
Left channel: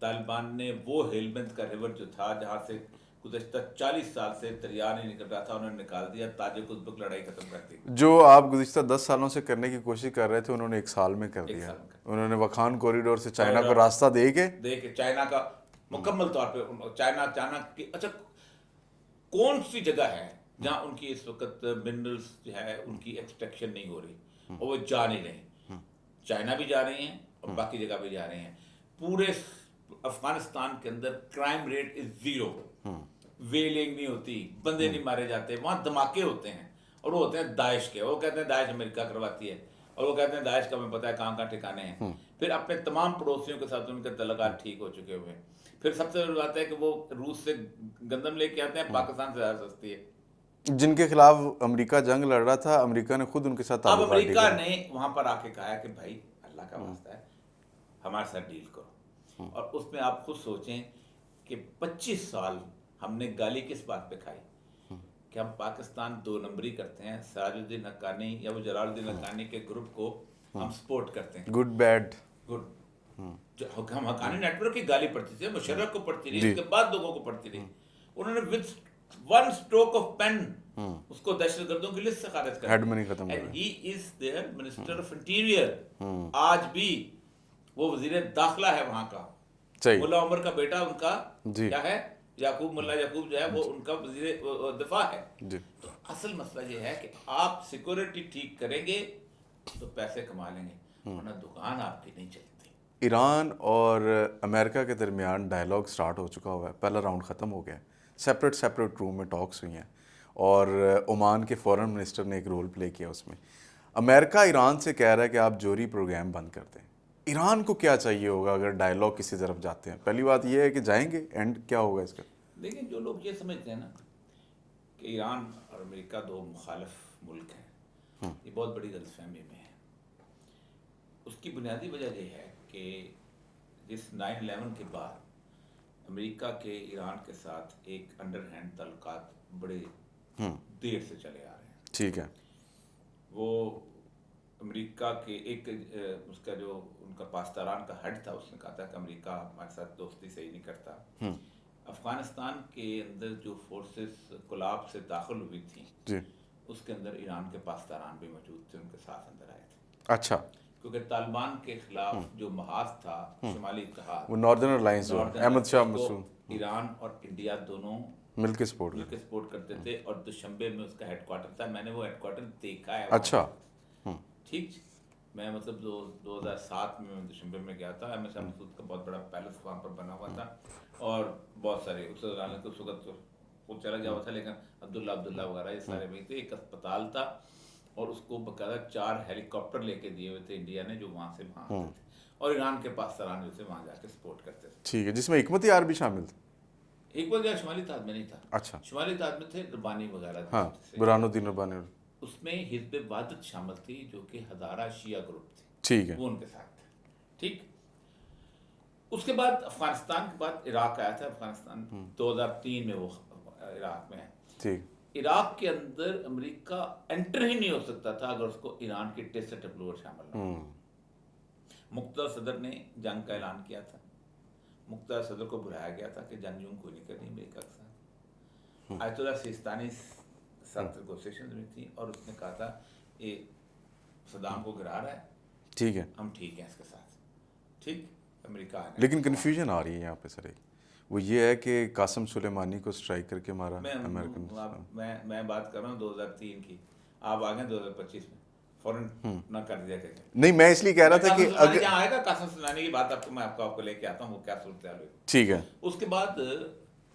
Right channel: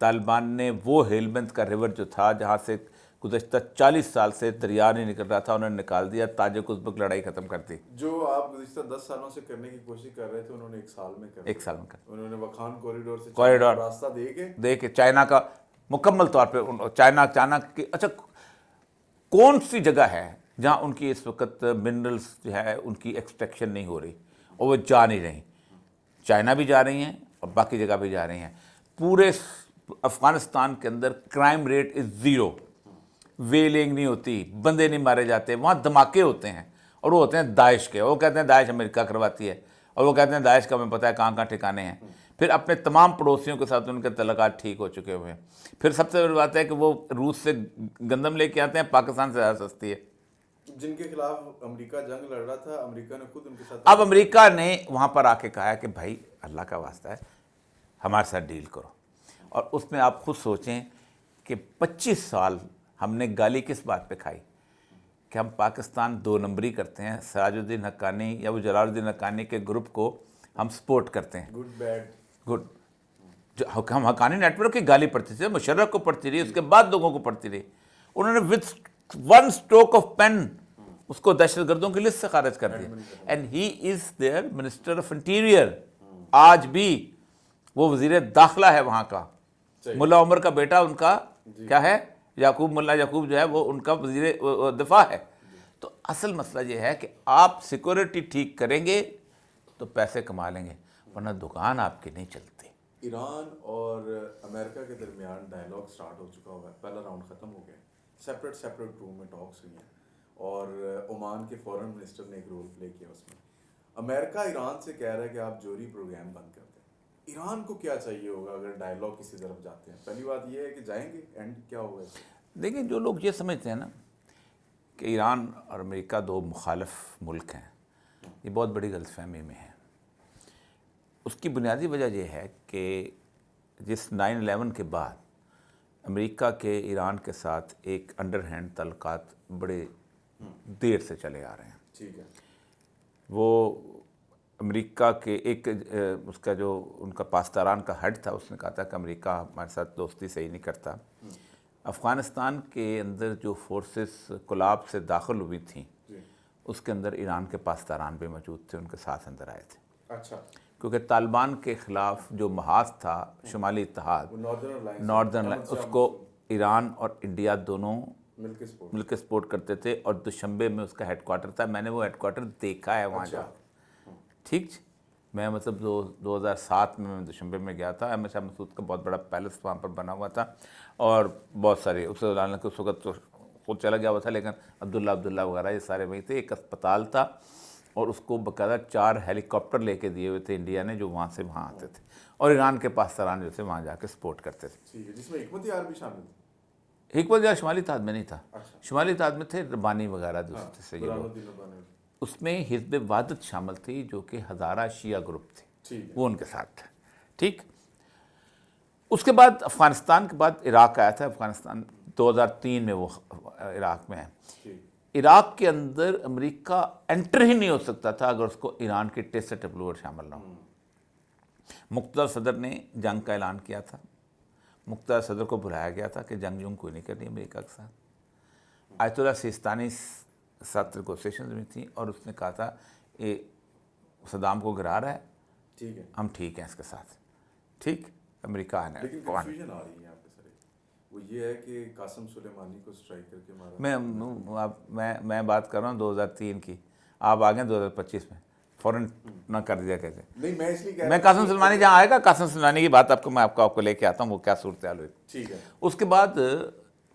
तालिबान ने वो हेलबंद का रिवर जो था, जहाँ से गुज़श्ता 40 साल से दरिया नहीं निकल रहा था, उन्होंने निकाल दिया, ताजिक उज़्बेक लड़ाई खत्म कर दी। जो आप गुज़िश्ता 10 सालों से करने की कोशिश कर रहे थे, उन्होंने 1 साल में कर दिया। 1 साल में कर उन्होंने वखान कॉरिडोर से चाइना को रास्ता दे के चाइना का मुकम्मल तौर पे चाइना की, अच्छा कौन सी जगह है जहाँ उनकी इस वक्त मिनरल्स जो है उनकी एक्सट्रैक्शन नहीं हो रही, और वो जा नहीं रही। चाइना भी जा रही हैं और बाकी जगह भी जा रही हैं। पूरे अफगानिस्तान के अंदर क्राइम रेट इज़ 0, वेलिंग नहीं होती, बंदे नहीं मारे जाते, वहाँ धमाके होते हैं, और वो होते हैं दाइश के। वो कहते हैं दाइश अमेरिका करवाती है, और वो कहते हैं दाइश का हमें पता है कहाँ कहाँ ठिकाने हैं। फिर अपने तमाम पड़ोसियों के साथ उनके तल्लुकात ठीक हो चुके हुए हैं। फिर सबसे बड़ी बात है कि वो रूस से गंदम लेके आते हैं, पाकिस्तान से ज़्यादा सस्ती है। जिनके खिलाफ अमेरिका जंग लड़ रहा था, अमेरिका ने खुद उनके साथ अब ताल्लुकात अमेरिका ने वहाँ पर आके कहा है कि भाई अल्लाह का वास्ता है, हमारे साथ डील करो। और उसमें आप खुद सोचें कि 25 साल हमने गाली किस बात पे खाई कि हम पाकिस्तान 2 नंबरी करते हैं, सराजुद्दीन हक्कानी या वो जलालुद्दीन हक्कानी के ग्रुप को हम सपोर्ट करते हैं। गुड बैड गुड, जो हम हक्कानी नेटवर्क की गाली पड़ती थी, मुशर्रफ को पड़ती रही, उसके बाद लोगों को पड़ती रही। उन्होंने विद 1 स्ट्रोक ऑफ पेन उसको दहशतगर्दों की लिस्ट से खारिज कर दिया। And he is their minister of interior. आज भी वो वजीर दाखिला है वहाँ का। मुल्ला उमर का बेटा उनका क्या है, याकूब, मुल्ला याकूब जो है वो उनका वजीर दिफा है। तो असल मसला ये है कि आप सिक्योरिटी ठीक करेंगे तो पैसे कमा लेंगे, वरना दुकान आपकी नहीं चलती। ईरान और अमेरिका के दरमियान डायलॉग स्टार्ट हो चुका हुआ है, पहला राउंड ख़त्म हो गया है, सेपरेट रूम में टॉक्स हुई हैं, और ओमान के फॉरेन मिनिस्टर ने एक रोल प्ले किया उसमें। अमेरिका ईरान से कह रहा है कि आप जोहरी प्रोग्राम बंद कर दें। ईरान को क्या चाहिए होगा अगर डायलॉग किसी तरफ जाते हैं? पहली बात यह है कि जाएंगे, एंड क्या होगा इसका? देखिए, जो लोग ये समझते हैं ना कि ईरान और अमेरिका 2 मुखालिफ मुल्क हैं, ये बहुत बड़ी गलतफहमी में है। उसकी बुनियादी वजह यह है कि जिस 9/11 के बाद अमेरिका के ईरान के साथ एक अंडर हैंड तल्लुकात बड़े देर से चले आ रहे हैं। ठीक है, वो अमेरिका के एक उसका जो उनका पास्तारान का हेड था, उसने कहा था कि अमेरिका हमारे साथ दोस्ती सही नहीं करता। अफ़गानिस्तान के अंदर जो फोर्सेस कोलाब से दाखिल हुई थी जी, उसके अंदर ईरान के पास्तारान भी मौजूद थे, उनके साथ अंदर आए थे। अच्छा, क्योंकि तालिबान के खिलाफ जो महाज था शुमाली इत्तेहाद, वो नॉर्दर्न अलायंस, उसको ईरान और इंडिया दोनों मिलकर सपोर्ट करते थे, और दुशंबे में उसका हेडक्वार्टर था। मैंने वो हेडक्वार्टर देखा है वहाँ। अच्छा, ठीक, मैं मतलब 2007 में मैं दुशंबे में गया था। अहमद शाह मसूद का बहुत बड़ा पैलेस वहाँ पर बना हुआ था, और बहुत सारे उस वक्त तो खुद चला गया हुआ था, लेकिन अब्दुल्ला वगैरह ये सारे वहीं थे। एक अस्पताल था, और उसको बाकायदा 4 हेलीकॉप्टर लेके दिए हुए थे इंडिया ने, जो वहाँ से वहाँ आते थे, और ईरान के पास्तारान जो थे वहाँ जाके सपोर्ट करते थे। ठीक है, जिसमें हिकमत यार भी शामिल थे। हिकमत यार शुमाली इत्तेहाद में नहीं था। अच्छा, शुमाली इत्तेहाद में थे रब्बानी वगैरह, हाँ, बुरहानुद्दीन रब्बानी। उसमें हिज़्ब वहदत शामिल थी, जो कि हज़ारा शिया ग्रुप थी। ठीक है, वो उनके साथ था। ठीक, उसके बाद अफ़गानिस्तान के बाद इराक आया था। अफ़गानिस्तान 2003 में वो इराक में है। ठीक, इराक के अंदर अमेरिका एंटर ही नहीं हो सकता था अगर उसको ईरान के टेस्ट टैब्लूर शामिल ना हो। मुक़्तदर सदर ने जंग का ऐलान किया था। मुक़्तदर सदर को बुलाया गया था कि जंग कोई नहीं करनी अमेरिका के साथ। आयतुल्लाह सिस्तानी साथ नेगोशिएशन में थी, और उसने कहा था ये सद्दाम को गिरा रहा है, ठीक है, हम ठीक हैं इसके साथ। ठीक, अमेरिका है। लेकिन कन्फ्यूजन आ रही है यहाँ पे सर, वो ये है कि कासिम सुलेमानी को स्ट्राइक करके मारा। मैं बात कर रहा हूँ 2003 की, आप आ गए 2025 में, फ़ौरन ना कर दिया कैसे? नहीं, मैं इसलिए कह रहा था कासिम सुलेमानी जहाँ आएगा, कासिम सुलेमानी की बात आपको लेके आता हूँ, वो क्या सूरत हाल हुई। ठीक है, उसके बाद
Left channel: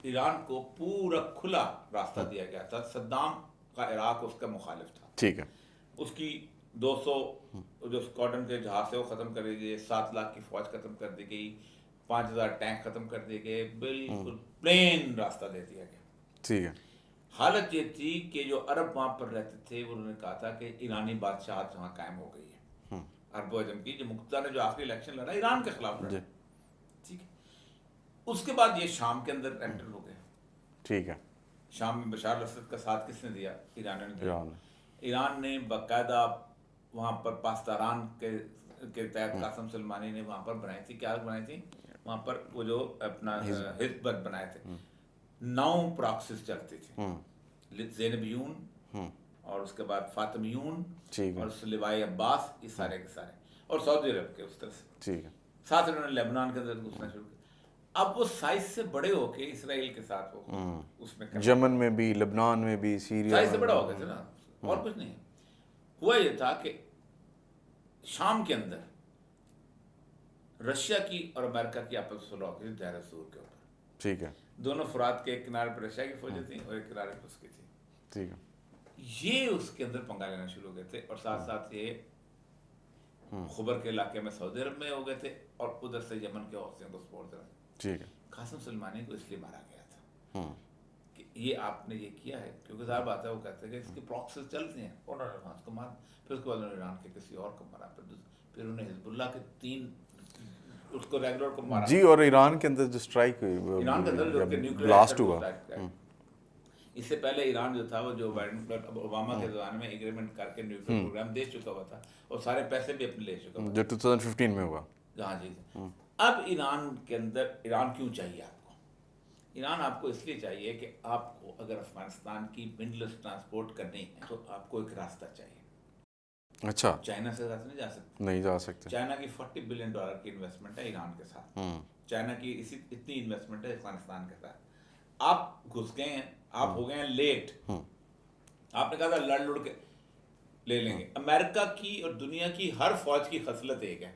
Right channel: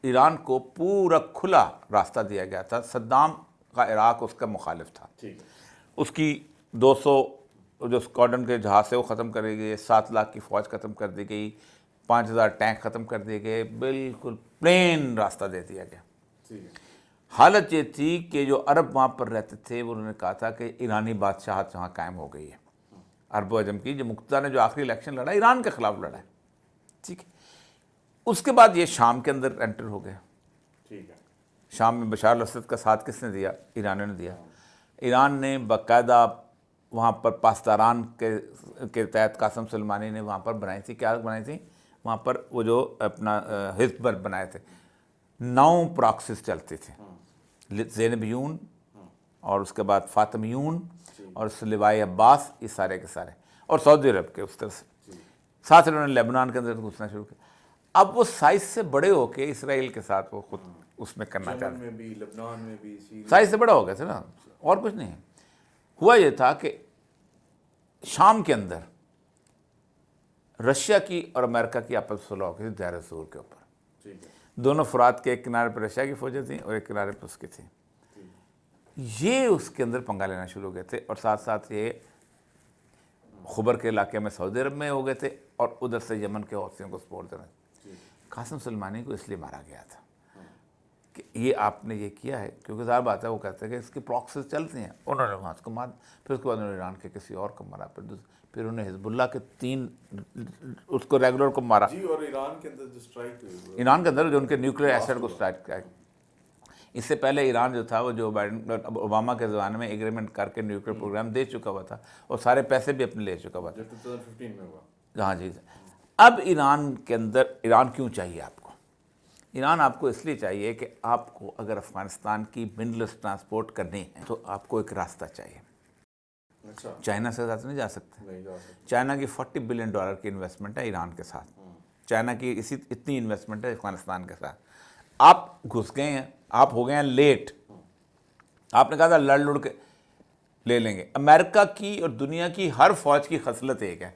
ईरान को पूरा खुला रास्ता दिया गया था। सद्दाम का इराक उसका मुखालिफ था। ठीक है, उसकी 200 जो स्क्वाड्रन के जहाज से वो ख़त्म कर दी गई, 7 लाख की फ़ौज ख़त्म कर दी गई, 5,000 टैंक ख़त्म कर दिए गए, बिल्कुल प्लेन रास्ता दे दिया गया। ठीक है। हालत ये थी कि जो अरब वहाँ पर रहते थे वो उन्होंने कहा था कि ईरानी बादशाहत वहाँ कायम हो गई है। अरब अजम की जो मुक्ता ने जो आखिरी इलेक्शन लड़ा ईरान के खिलाफ लड़ा, ठीक है। उसके बाद ये शाम के अंदर एंटर हो गया। ठीक है। शाम में बशार अल-असद का साथ किसने दिया? ईरानियों ने दिया। ईरान ने बाकायदा वहाँ पर पास्तारान के तहत कासिम सुलेमानी ने वहाँ पर बनाई थी, क्या बनाई थी वहाँ पर, वो जो अपना हिज़्ब बनाए थे। 9 प्रॉक्सिस चलती थी, ज़ैनबियून और उसके बाद फातिमियून और सलिवाई अब्बास, ये सारे के सारे, और सऊदी अरब के उस तरह से। ठीक है। साथ इन्होंने लेबनान के अंदर घुसना शुरू किया। अब वो साइज से बड़े होके इसराइल के साथ वो खुद उसमें करना, यमन में भी, लेबनान में भी, सीरिया साइज से बड़ा हो गया था ना, और कुछ नहीं। हुआ ये था कि शाम के अंदर रशिया की और अमेरिका की आपस सुलह हो गई थी दायर सूर के ऊपर। ठीक है। दोनों फुरात के एक किनारे पर रशिया की फौजें थी और एक किनारे पर उसकी थी। ठीक है। ये उसके अंदर पंगा लेना शुरू हो गए थे, और साथ साथ ये खुबर के इलाके में सऊदी अरब में हो गए थे, और उधर से यमन के हौसियों को सपोर्ट दे रहे थे। ठीक है। कासिम सुलेमानी को इसलिए मारा गया था कि ये आपने ये किया है, क्योंकि ज़ाहिर बात है वो कहते हैं कि इसकी प्रॉक्सिस चलती हैं। उन्होंने वहाँ उसको मार, फिर उसके बाद उन्होंने ईरान के किसी और को मारा, फिर उन्होंने हिजबुल्लाह के 3 उसको रेगुलर को मारा जी। और ईरान के अंदर जो स्ट्राइक हुई, ईरान के अंदर जो उनके न्यूक्लियर एसेट को हुआ। स्ट्राइक किया। इससे पहले ईरान जो था वो जो बाइडेन ओबामा के ज़माने में एग्रीमेंट करके न्यूक्लियर प्रोग्राम दे चुका हुआ था, और सारे पैसे भी अपने ले चुका हुआ था, जो 2015 में हुआ। हाँ जी। अब ईरान के अंदर, ईरान क्यों चाहिए आपको? ईरान आपको इसलिए चाहिए कि आपको अगर अफगानिस्तान की मिनरल्स ट्रांसपोर्ट करनी है तो आपको एक रास्ता चाहिए। अच्छा। चाइना से ज़्यादा नहीं जा सकते। नहीं जा सकते। चाइना की $40 बिलियन की इन्वेस्टमेंट है ईरान के साथ। चाइना की इतनी इन्वेस्टमेंट है अफगानिस्तान के साथ। आप घुस गए हैं, आप हो गए हैं लेट। आपने कहा था लड़ लुड़ के ले लेंगे। अमेरिका की और दुनिया की हर फौज की खसलत एक है,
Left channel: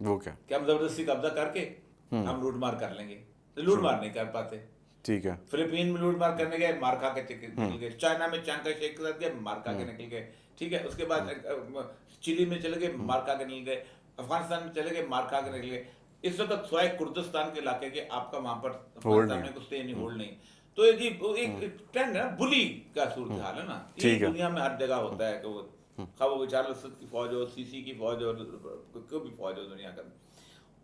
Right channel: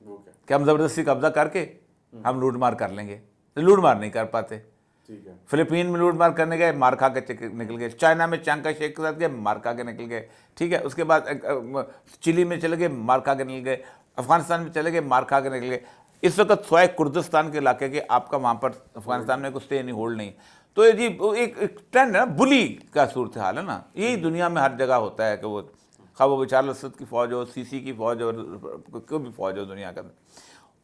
वो क्या? कि हम ज़बरदस्ती कब्जा करके हम लूट मार कर लेंगे। लूट मार नहीं कर पाते। ठीक है। फिलीपीन में लूट मार करने गए, मार खा के निकल गए। चाइना में चांका शेख के साथ गए, मार खा के निकल गए। ठीक है। उसके बाद चिली में चले गए, मार खा के निकल गए। अफगानिस्तान में चले गए, मार खा के निकल गए। इस वक्त स्वाय कुर्दिस्तान के इलाके के आपका वहाँ पर अफगानिस्तान में कुछ स्टे नहीं, होल्ड नहीं। तो ये जी एक ट्रेंड है ना, बुली का सूरत हाल है ना, ये दुनिया में हर जगह होता है कि वो खा वो बशार अल-असद की फ़ौज हो, सीसी की फ़ौज हो, कोई भी फ़ौज हो दुनिया का,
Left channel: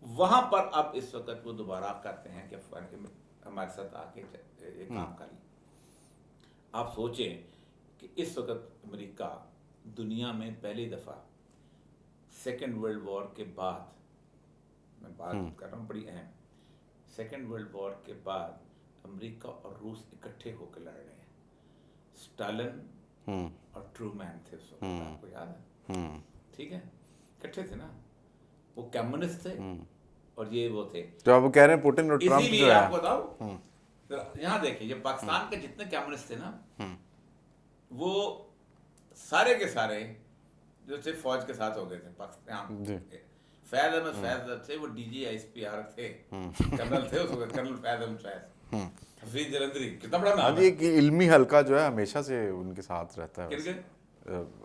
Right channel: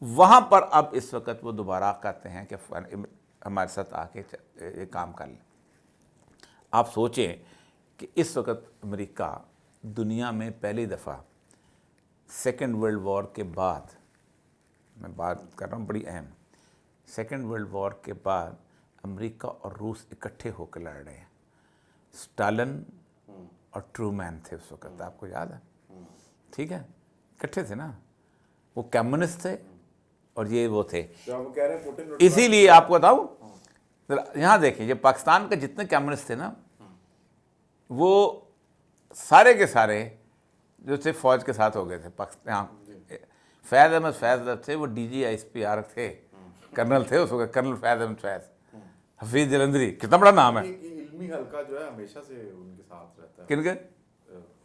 वहाँ पर अब इस वक्त वो दोबारा कहते हैं कि हमारे साथ आके ये काम कर लें। आप सोचें कि इस वक्त अमेरिका दुनिया में पहली दफ़ा सेकेंड वर्ल्ड वॉर के बाद, मैं बात कर रहा हूँ बड़ी अहम, सेकेंड वर्ल्ड वॉर के बाद अमेरिका और रूस इकट्ठे होकर लड़ रहे हैं। स्टालिन और ट्रूमैन थे उस वक्त, आपको याद है? ठीक है, इकट्ठे थे ना, वो कम्युनिस्ट थे और ये वो थे। तो आप कह रहे हैं पुतिन और ट्रम्प इसीलिए आपको बताऊं, यहाँ देखिए, ये पाकिस्तान के जितने कम्युनिस्ट थे ना, वो सारे के सारे जो थे फौज के साथ हो गए थे पाकिस्तान। फैज़ अहमद फैज़ थे, वो DGISPR थे, कर्नल थे उस वक्त, कर्नल फैज़ अहमद फैज़। हफीज जलंधरी, कितना बड़ा नाम है। ये इल्मी हल्का जो है हमेशा से उनके साथ रहता है। किनके?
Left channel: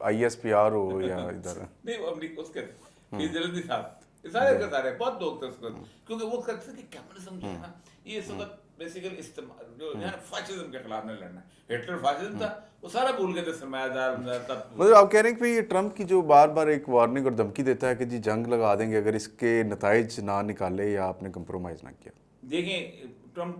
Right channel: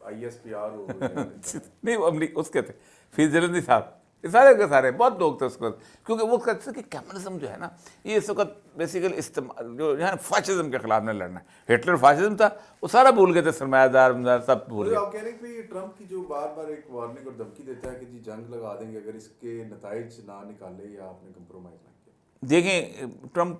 ISPR हो या इधर नहीं, वो अमरीका उसके थे, हफीज जलंधरी साहब, ये सारे के सारे बहुत लोग थे उसको, क्योंकि वो कहते थे कि कम्युनिज्म जो है ना, ये इस वक्त बेसिकली इस्तेमाल जो है ना फाशिज्म के खिलाफ नहीं लड़ना है। हिटलर फाशिज्म था, वो सारा भूल गए थे, सरमायादार सब भूल मतलब आप कह रहे हैं कि ट्रम्प की जो बार बार एक वार्निंग और धमकी देता है कि जी जंग लगा देंगे अगर इसके नताइज ना निकाले या आपने कंप्रोमाइज़ ना किया। देखें, ट्रम्प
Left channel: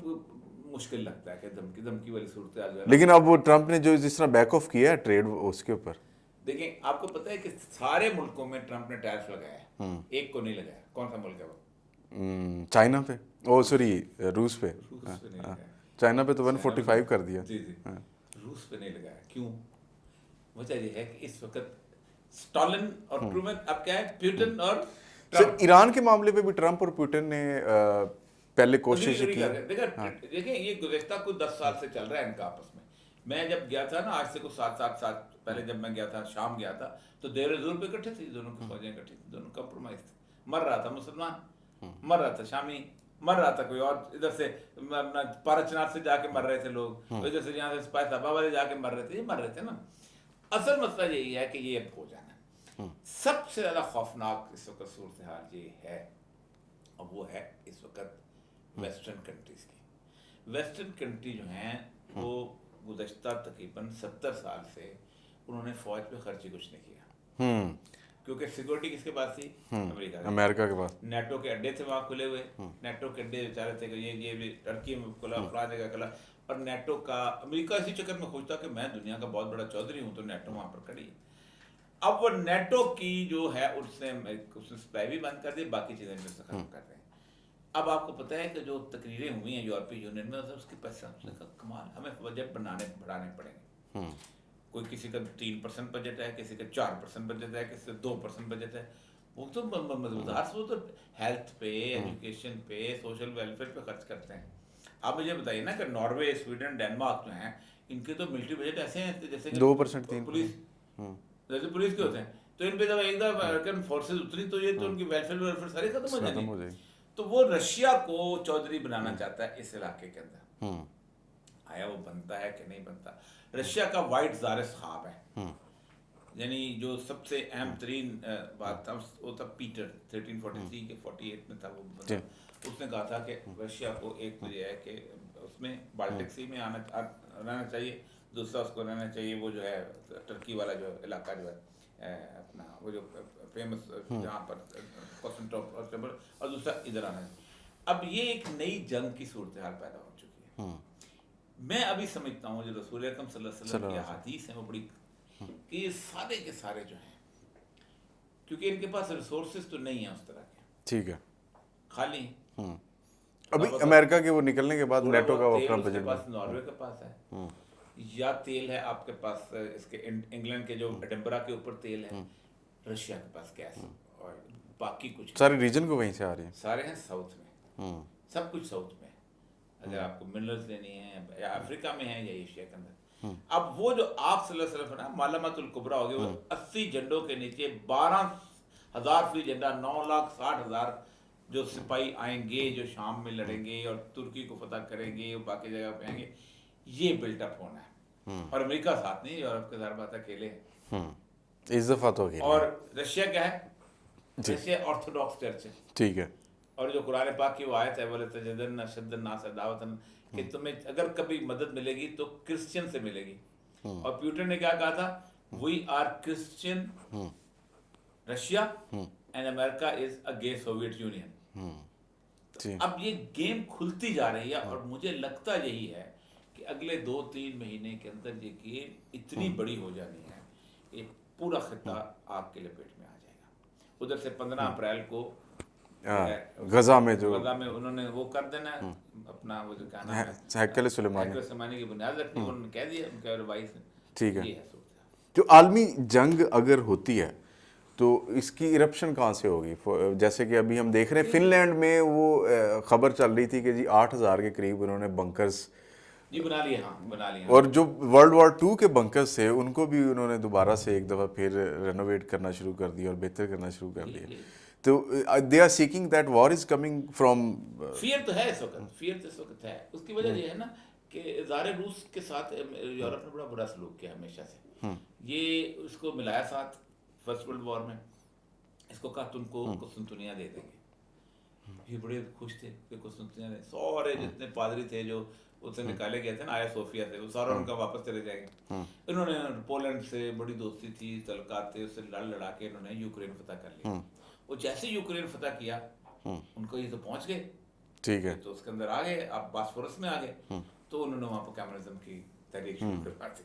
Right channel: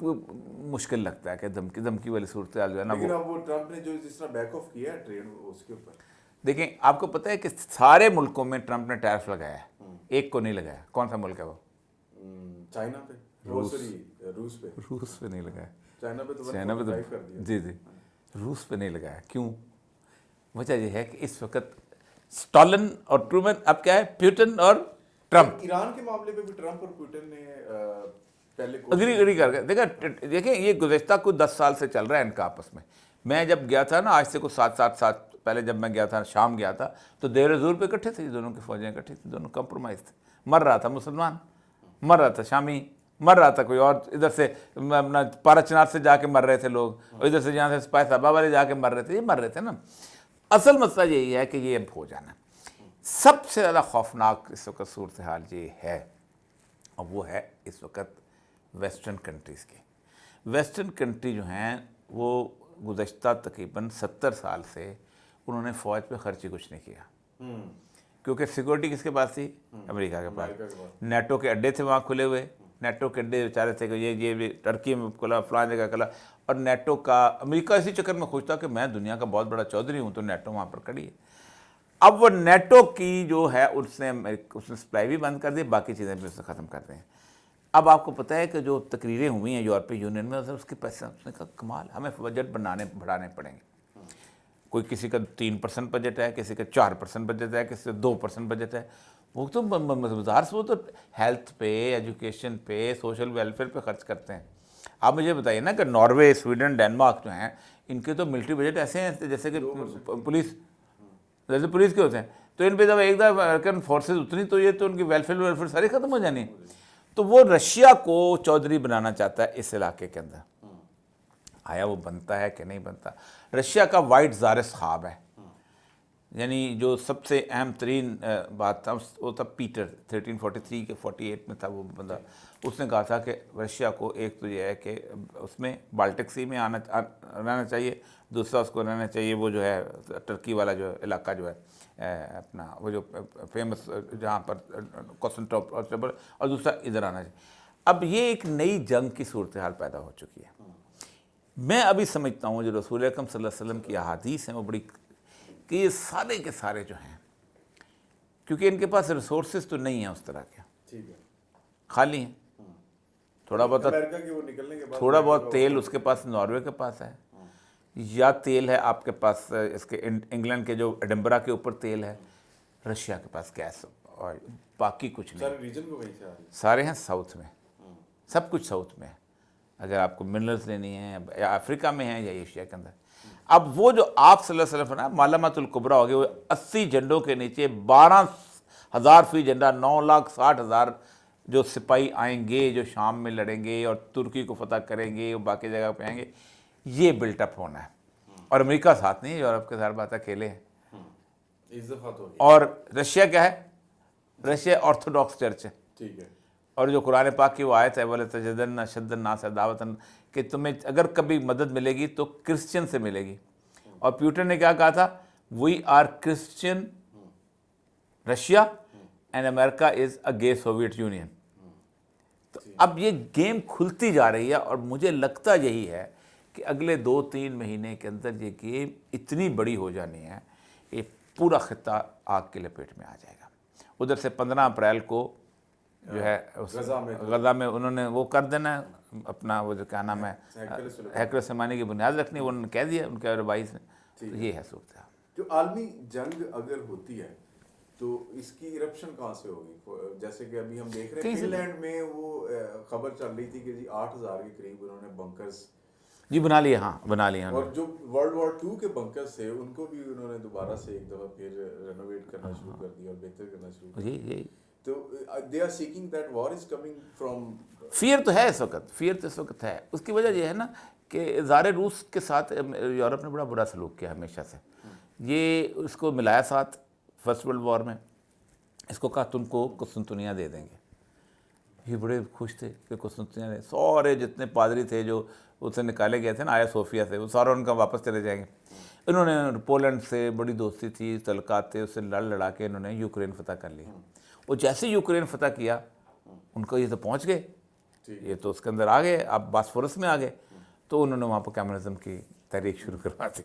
मुश्किल लगता है कि धमकी वाली सूरत हाल जो है ना, लेकिन अब वो ट्रम्प ने जो जिस तरह बैक ऑफ किया है ट्रेड उसके ऊपर, देखें आपको पता है कि सारे मुल्कों में ट्रम्प ने टैरिफ लगाया है, एक को नहीं लगाया। कौन सा मुल्क है वो? चाइना पे, ओ सॉरी रूस पे। रूस पे नहीं लगाया। चाइना पे तो 145 कर दिया। जी जी, रूस पे नहीं लगाया। क्यों? वजह यह है कि इस वक्त स्टालिन और ट्रूमैन, अब क्या है, पुतिन और ट्रम्प। ईरान के मामले में भी ट्रम्प और पुतिन ने पहले कोशिश देखा, देखें ये गुज़श्ता कुछ 10 साल से चल रहा है इनका आपस में। मैं जब गया था ना, आज से कुछ 7 साल पहले जब मैं गया था, शाम गया था, तो देर ज़ोर पे इकट्ठे थे, दोनों की फौजें इकट्ठी थी, दोनों कंप्रोमाइज़ थे। मर रहा था मुसलमान, मर रहा था शामी, मर रहा था कोई और, इधर से अपना पाराचनार से जाके मर रहे थे लोग, और इधर से जहाँ से स्पाई साहबा वाले जाके मर रहे थे, ये मर रहे थे ना। असल मसला यही है कि ये अब हो जाना। सबसे ज़्यादा खौफनाक इस वक्त सूरत हाल ये है, और वो है इस वक्त वेस्टर्न कंट्रीज़ की। वेस्टर्न कंट्री जो हैं वो गुज़श्ता तकरीबन 70 साल से उन्होंने फ़ौज पे खर्च ही कुछ नहीं किया, क्योंकि सिक्योरिटी किसके पास थी? अमेरिका के पास। नेटो के अड्डे थे वहाँ खुले हुए, नेटो के अड्डे बेचारे थे कि ये टर्की में खुला, फलां जगह खुला, और नेटो का अमेरिका इसी चक्कर में खुश था कि मैं दुनिया का बहुत बड़ा चौधरी हूँ, तो नेटो वहाँ पर खड़ी है। अब वो नेटो की जो है उसने सप्लाई भी बंद कर दी, बाकी चीज़ें भी उससे ख़त्म कर दी हैं। अब आपको पता है कि जो तकरीरें हुई हैं यूरोपीय यूनियन में, उसके पैसे उसने कहा कमाल, हमें बजट बढ़ाने पड़ेंगे। कोई किसी का 3% बजट है, किसी का 4% बजट है, किसी का 2% बजट है। वो तो मज़ेदार से वो तो हेल्थ पे, एजुकेशन पे, सोशल वेलफेयर पे खर्च करते हैं। आप मुझे बताइए ना कि नॉर्वे, स्वीडन, डेनमार्क जो हैं, इनके तो मिलिट्री बजट ऐसे हैं जैसे कि 2% पुलिस, जैसे पुलिस के होते हैं। तो इन पे जब एक दफ़ा अमेरिकन फोर्सेज उतरी तो ये तो उनकी वेलफेयर सारी खत्म हो जानी। तो वो रशिया को चौधरी बनाना चाहता है इस इलाके के अंदर। आया वो बनता है कि नहीं बनता? रशिया का वाइट ज़ारिस ख्वाब है, यानी जो सबसे अहम तरीन बात था वो था पीटर, 1343 के 48 में था वो बंदा। उसने कहा था कि रशिया को एक तो ये है कि उसमें बाल्टिक सी में रहना चाहिए, दूसरा उसको रहना चाहिए वो जो है टर्की वाला जो इलाका जो है अपना वो जो फेमस जहाँ पर कॉन्स्टेंटिनोपल, और दूसरा इधर आना चाहिए। अब ये एक नई जंग की सूरत हाल पैदा हो चुकी है। मैं अभी समझता हूँ जो रसूल अकरम सल्लल्लाहु अलैहि वसल्लम की अहादीस हैं वो बड़ी, कि ये सारे के सारे जो हैं, क्योंकि इनके पास रिसोर्सेज तो नहीं है उस तरह के, ठीक है, खाली हैं। थोड़ा बहुत अमेरिका के वो निकलने के बाद थोड़ा बहुत तेल उसके पास नॉर्वे के पास है, या तेल है आपके पास इसके इंग्लैंड के जो एडिनबरा के ऊपर तेल है, रशिया के पास गैस और बाकी कुछ नहीं। सारे रीजन को वहीं से आ रही है, सारे हैं साउथ में, सब कुछ साउथ में है। अगर आपको मिनरल्स लेनी है या अफ्रीका में है या एशिया के अंदर। अब वो जो आप सल्लल्लाहु अलैहि वसल्लम ना मालामातुल कुबरा हो गई, वो 80 झंडों के नीचे 12,000 फीट झंडा, 9,60,000 जो सिपाही आएंगे जो शाम में लड़ेंगे और तुर्की को फतह करेंगे, वो बाकी जगह पे आएंगे, ये बिल्टअप होना है। और अमेरिका साथ नहीं, यूरोप के साथ बात अकेले हैं। इस दफा तो हो गई। और रशिया क्या है? रशिया ऑर्थोडॉक्स चर्च है, ठीक है, और जो कुरान पाक की वो आयत है बोले तजदन शद्दन नास दावतन, कि तुम्हें अगर कभी मदद मिलेगी तो क्रिश्चियन से मिलेगी। और प्यूटन ने क्या कहा था? We are Christian Russia and America is a gay Soviet Union. तो अब ये गेम खुलती जा रही है, और मुझे लगता यही है कि अगले 2-3 महीने के अंदर ये गेम इतनी बड़ी हो जानी है, ये पूरा खित्ता आग की लपेट में आ जाएगा। उधर से 15 अप्रैल को जो है गजा में उन्होंने वो कर देना अपना, वो जो क्या नाम है, हैकल सुलेमानी की बुनियाद रखनी, उन्होंने कह दिया उनके रवाइस ने। ठीक है, ये है सूरत। जो आलमी जंग अगर होती है तो इसकी इरप्शन कहाँ से होगी? जैसे कि अभी हम देख रहे हैं फिनलैंड में वो खबर चल रही थी कि जी 8,000 के करीब उन्होंने बंकर्स जी बना लिए। हाँ, बना लिए। और जो वर्ल्ड वॉर 2 के बंकर्स थे उनको भी उन्होंने दोबारा से एक दफ़ा फिर रेनोवेट करना शुरू कर दिया और बेहतर करना शुरू कर दिया। तो they are seeking that war is coming from fear तो है इस वक्त, फियर तो इस वक्त है। उसकी वजह यह है ना कि ज़ारे रूस के साथ यूरोप ने बड़ा बुरा सलूक किया हमेशा से। ये उसको मिलाया साथ फर्स्ट वर्ल्ड वॉर में, इसको कहा तुमको कुस्तुनतुनिया दे देंगे। ये बड़े खुश थे कि कुस्तुनतुनिया दे, सारे जितने पादरी थे जो उससे निकाले गए थे ना आया सोफिया से, वो सारा उनका वापस चले जाएंगे। इन्होंने पोलैंड से बड़ी दोस्ती थी, तलकात थे, उससे लड़ा के इन्होंने यूक्रेन फतह कर लिया। वो जैसे यूक्रेन फतह किया उनको ये तो पहुंच गए, ठीक है, तो उसके अंदर आ गए, आप बास्फोरस में आ गए, तो उन्होंने वहाँ पर कम्युनिज्म की तहरीक शुरू करवा दी।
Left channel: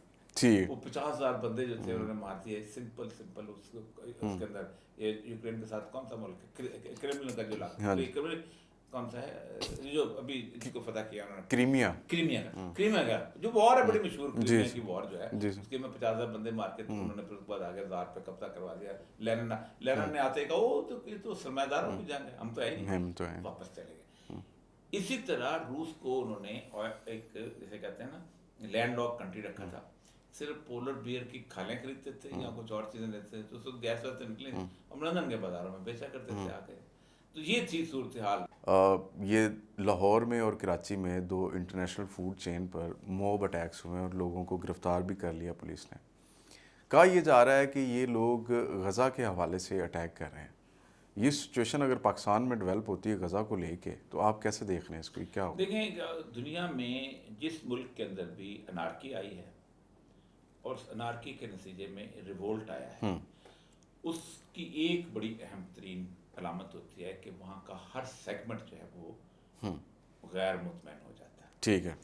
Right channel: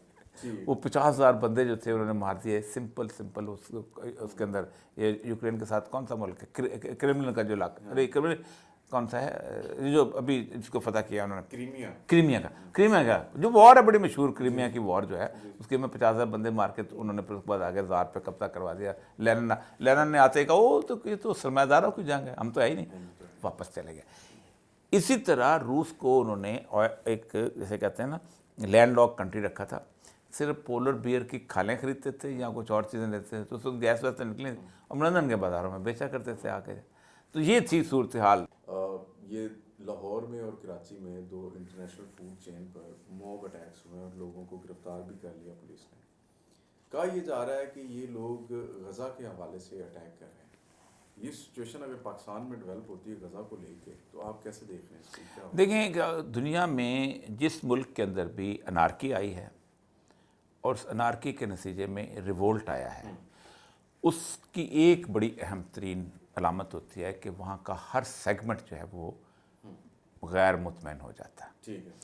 वो 50,000 बंदे जो थे उन्होंने मार दिए, सिंपल उसके अंदर। ये यूक्रेन के साथ कौन सा मुल्क है? क्रिमिनल का जो इलाका, क्रिमिनल कौन सा है जो अभी जिसको फतह किया उन्होंने? क्रीमिया का जो वॉर है बड़ी मशहूर, क्रीमिया की वॉर जो है, उसके में 50,000 बंदे मार के उन्होंने फिर उसके बाद आगे जार पे कब्जा करवा दिया। लेनिन ने आते ही कहा ओ तो ये तो सरमायादारों की जंग है, हम तो है ही नहीं, वापस चले गए। इसी तरह रूस को उन्होंने एक जैसे कहते हैं ना लैंडलॉक कंट्री रखा था, सिर्फ पोलर बियर की खालें खरीदते थे या कुछ और चीज़ें लेते थे, तो उसको गैस वैस निकले और लंदन के बाज़ारों में बेचा करते थे आके। तो ये थी सूरत हाल। ये लाहौर में और कराची में 2 इंटरनेशनल फूड चेन पर मॉब अटैक्स हुए और लोगों को गिरफ्तार भी कर लिया पुलिस ने। कहा यह जा रहा है कि ये लोग गज़ा के हवाले से अटैक कर रहे हैं। ये सिचुएशन अगर पाकिस्तान में डेवलप होती है गज़ा को लेके, तो आप कैसे देख रहे हैं इसको, क्या होगा? देखें, दुनिया में जिस मुल्क के अंदर भी अनारकी आई है और उस अनारकी के नतीजे में रिवोल्ट आया है, उसकी एक बड़ी अहम तरीन अलामत होती है कि वहाँ का हर सेगमेंट जो है वो गैर मुतमैन हो जाता है, ठीक है,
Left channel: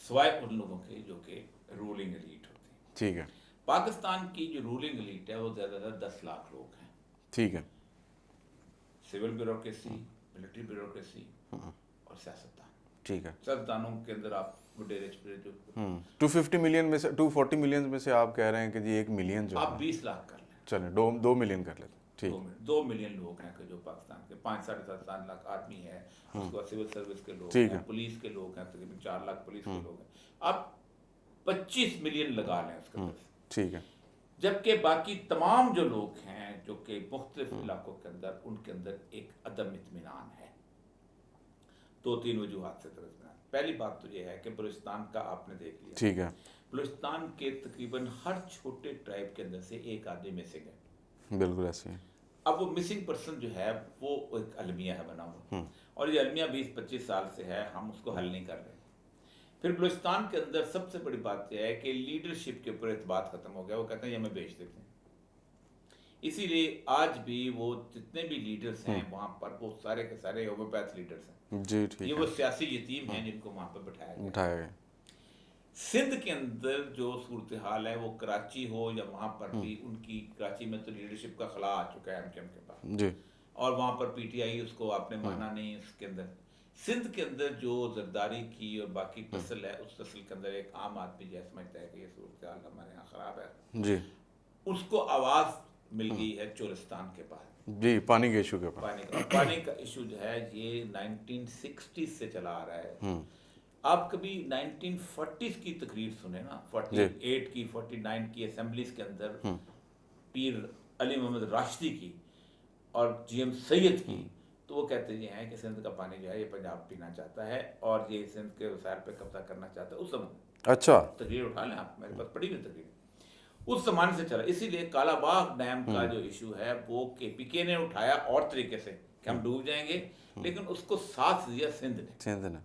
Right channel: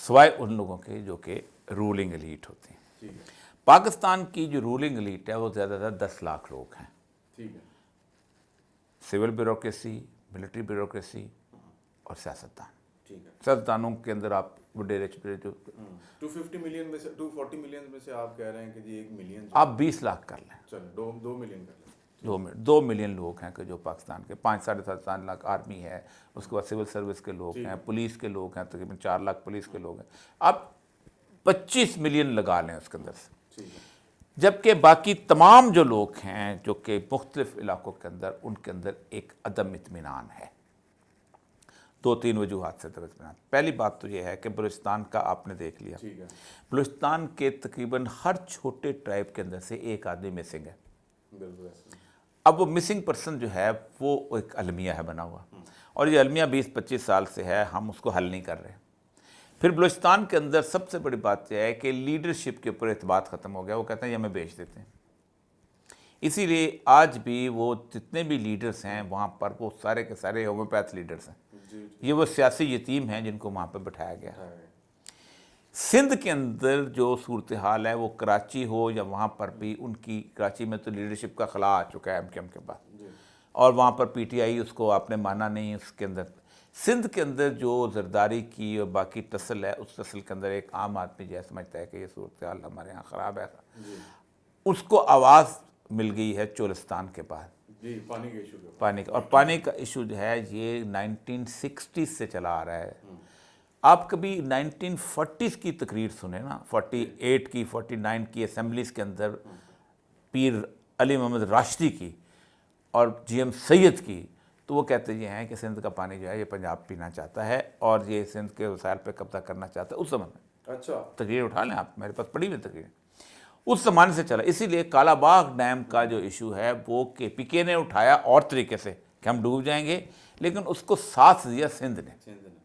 सिवाय उन लोगों के जो कि रूलिंग एलीट होती हैं। ठीक है, पाकिस्तान की जो रूलिंग एलीट है वो ज़्यादातर 10 लाख लोग हैं। ठीक है, सिविल ब्यूरोक्रेसी, मिलिट्री ब्यूरोक्रेसी और सियासतदान। ठीक है। सियासतदानों के अंदर आप वडेरे छुपे जो 250 मिलियन में से 240 मिलियन में से आप कह रहे हैं कि जी 1 मिलियन जो आप 20 लाख कर लें, चले 2 मिलियन कर लेते, ठीक। 2 मिलियन लोग हैं कि जो पाकिस्तान के 5-7.5 लाख आर्मी है, उसके बाद सिविल सर्विस के लोग हैं, पुलिस के लोग हैं, तकरीबन 4 लाख पुलिस के लोग हैं। आप 25 मिलियन लगा लें उसके अंदर से, ठीक है, जबकि बाकी तमाम जो लोग हैं जो कि मुख्तलिफ इलाकों के अंदर, उनके अंदर एक अदम इत्मीनान है। 2-3 वजूहात से इत्मीनान। पहली बात तो यह है कि बलूचिस्तान का आपने देख लिया, ठीक है, बलूचिस्तान के तकरीबन हर छोटे ट्राइब के अंदर से एक आदमी मिसिंग है। बिल्कुल ऐसे ही। अब वो मिसिंग पर्सन जो है वो एक अलमिया है बना हुआ, और ये अलमिया 20-25 साल से है, हम उसको हल नहीं कर रहे। फिर बलूचिस्तान के अंदर सबसे बड़ी बात यह है कि लीडरशिप के ऊपर एतबार ख़त्म हो गया। वो कहते हैं ये हमें बेच देते हैं। इसीलिए आज भी वो जितने भी लीडर्स हैं वहाँ पर वो सारे के सारे होम्योपैथ लीडर्स हैं जी, ठीक। ये वो सियासी यतीम हैं जिनको वहाँ पर बिठाया गया। उठाया गया। सिंध के अंदर जो सूरत हाल है वो कराची हो या वहाँ पर भी उनकी, कराची में तो लीडरशिप का खला आ चुका है एमकेएम के पास जी, और वहाँ पर पीटीआई उसको आपने माना नहीं। उसके अंदर सिंध के अंदर जो जरदारी की और बाकी तसल है, उस तसल के अंदर एक आम आदमी जो समझता है कि ये सूरत हाल हमारे यहाँ ख़राब है, जी, उसको आवाज़ मिल गई है चोलिस्तान के बाद, जी, पानी के इशू के ऊपर। पानी का। और पानी का इशू जो है ये 1960s से चला आ रहा है। आप कभी 1940s की तकरीर सुने ना, 48 की, 49 की असेंबलीज के अंदर पीर अली मोहम्मद राशिदी की और जीएम सैयद की, तो वो कहते ये हैं कि सिंध का पानी जो है ये पंजाब पीना चाहता है और ये सिंध के वसाइल पे कब्जा करना चाहता है। उस समय अच्छा, तकरीर उठा लें आप, मेरे पास पड़ी हुई तकरीर उस जमाने से चला। इसीलिए कालाबाग डैम का जो इशू है वो केपीके ने उठाया और तरीके से कि हम डूब जाएंगे, लेकिन उसको साथ दिया सिंध ने। सिंध ने।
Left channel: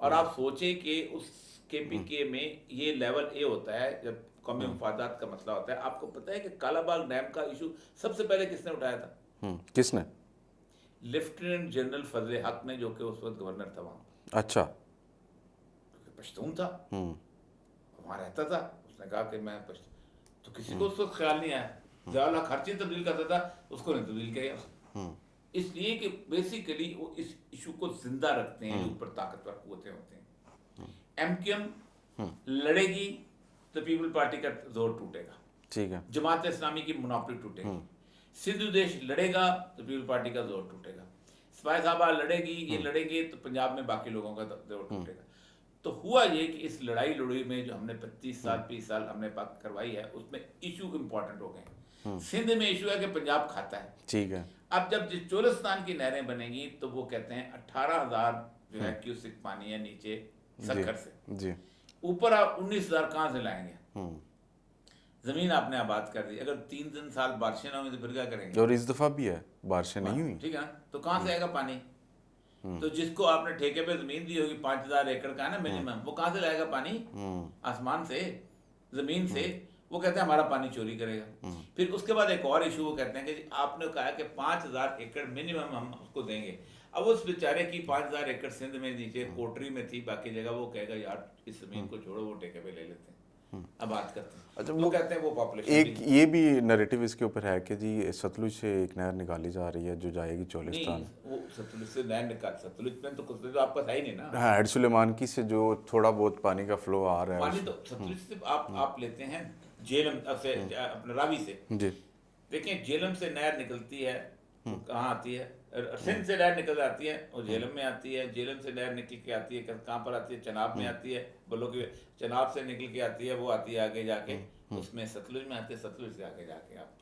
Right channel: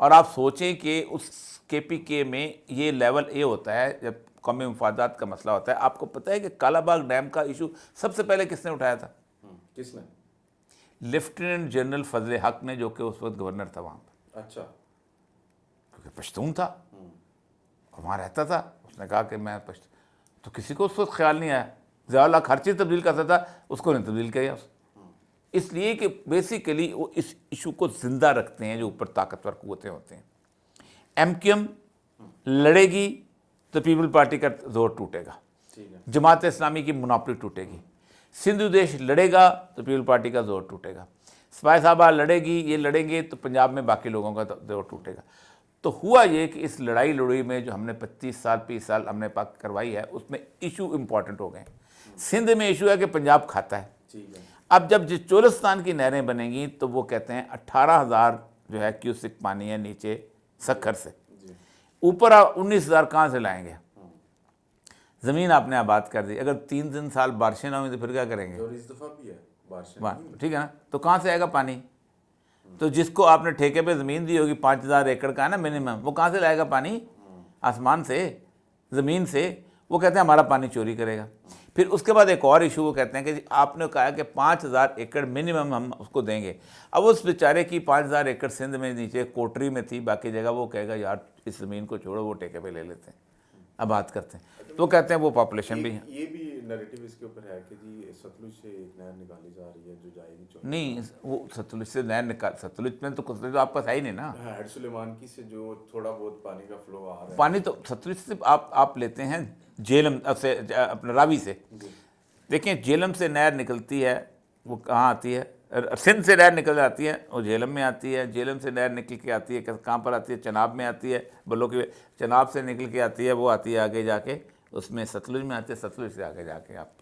और आप सोचें कि उस केपीके में ये लेवल ए होता है जब कौमी मफादात का मसला होता है। आपको पता है कि कालाबाग डैम का इशू सबसे पहले किसने उठाया था? किसने? लेफ्टिनेंट जनरल फजल हक ने, जो कि उस वक्त गवर्नर था वहाँ पर। अच्छा, क्योंकि पश्तून था, वहाँ रहता था। उसने कहा कि मैं पश्तून, तो किसी को उस वक्त ख्याल नहीं आया। ज़ियाउल हक हर चीज़ तब्दील करता था, उसको नहीं तब्दील किया। इसलिए कि बेसिकली वो इस इशू को जिंदा रखते हैं जो ऊपर ताकतवर कुव्वतें होते हैं। एमकेएम लड़ेगी तो पीपल पार्टी का जोर टूटेगा, ठीक है, जमात इस्लामी की मुनाफी टूटेगी। सिंधु देश लड़ेगा तो पीपल पार्टी का जोर टूटेगा। स्पाई साहबा लड़ेगी, ये लड़ेंगे तो पंजाब में बाकी लोगों का जोर टूटेगा। तो हुआ ये कि इस लड़ाई लड़ाई में जो हमने 25 साल 20 साल हमने पाक करवाई है, उसमें इशू इंपॉर्टेंट हो गए। सिंध में इशू है कि पंजाब खाता है, ठीक है। अब जब चोलिस्तान की नहरें बनेंगी तो वो कहते हैं 18,000 जो है क्यूसिक पानी है नीचे सखर से, जी, ऊपर आप 19,000 कहाँ से लाएंगे? ज़मीन आपने आबाद कर दी, अगर 3 साल बारिशें ना हुई तो फिर क्या करेंगे? और इस दफ़ा भी है बारिशें नहीं हुई, ठीक है ना, तो कहाँ से आएगा पानी? तो जिसको आपने ठेके पे ज़मीन दी होगी 5,000 एकड़ का है ना मिनिमम, वो कहाँ से लाएगा पानी? आसमान से, ज़मीन से। वो कहते हैं हमारा पानी चोरी करेगा। फिर उसके बाद एक और इशू, वो कहते हैं कि आपने कहा कि 5,000 एकड़ मिनिमम हम उसको देंगे। अब उस बेचारे की 5,000 एकड़ सिंध में नीचे कोटरी में थी, बाकी जगह वो कहेगा यार इस ज़मीन को छोड़ो, वो ठेके पे ले लेते हैं, अब बात करते हैं। अच्छा, वो कहते हैं वो पॉपुलेशन भी एक ये भी नैरेटिव इसके ऊपर है कि जी सतलुज से एक नहर निकाली जा रही है जो जाएगी चोलिस्तान। नहीं, वो सतलुज से नहर निकाल, सतलुज में तो कुछ तो आपका है ही नहीं ना। हाँ, हेड सुलेमानकी से जो थोड़ा बहुत पानी का फ्लो आ रहा है, पानी तो सतलुज से आप लेते हैं झेलम से, अपने रावी से। जी, देखिए झेलम से नहर निकलती है, वो कहाँ आती है? सिंध से नहर निकल जाती है, वो झेलम में आती है। झेलम से नहर निकल के आती है, कहाँ पर आती है? चनाब में आती है, बल्लो की चनाब से निकल के आती है, वो आती है आगे जाके उसमें सतलुज में आती है। सतलुज से आगे जाके आप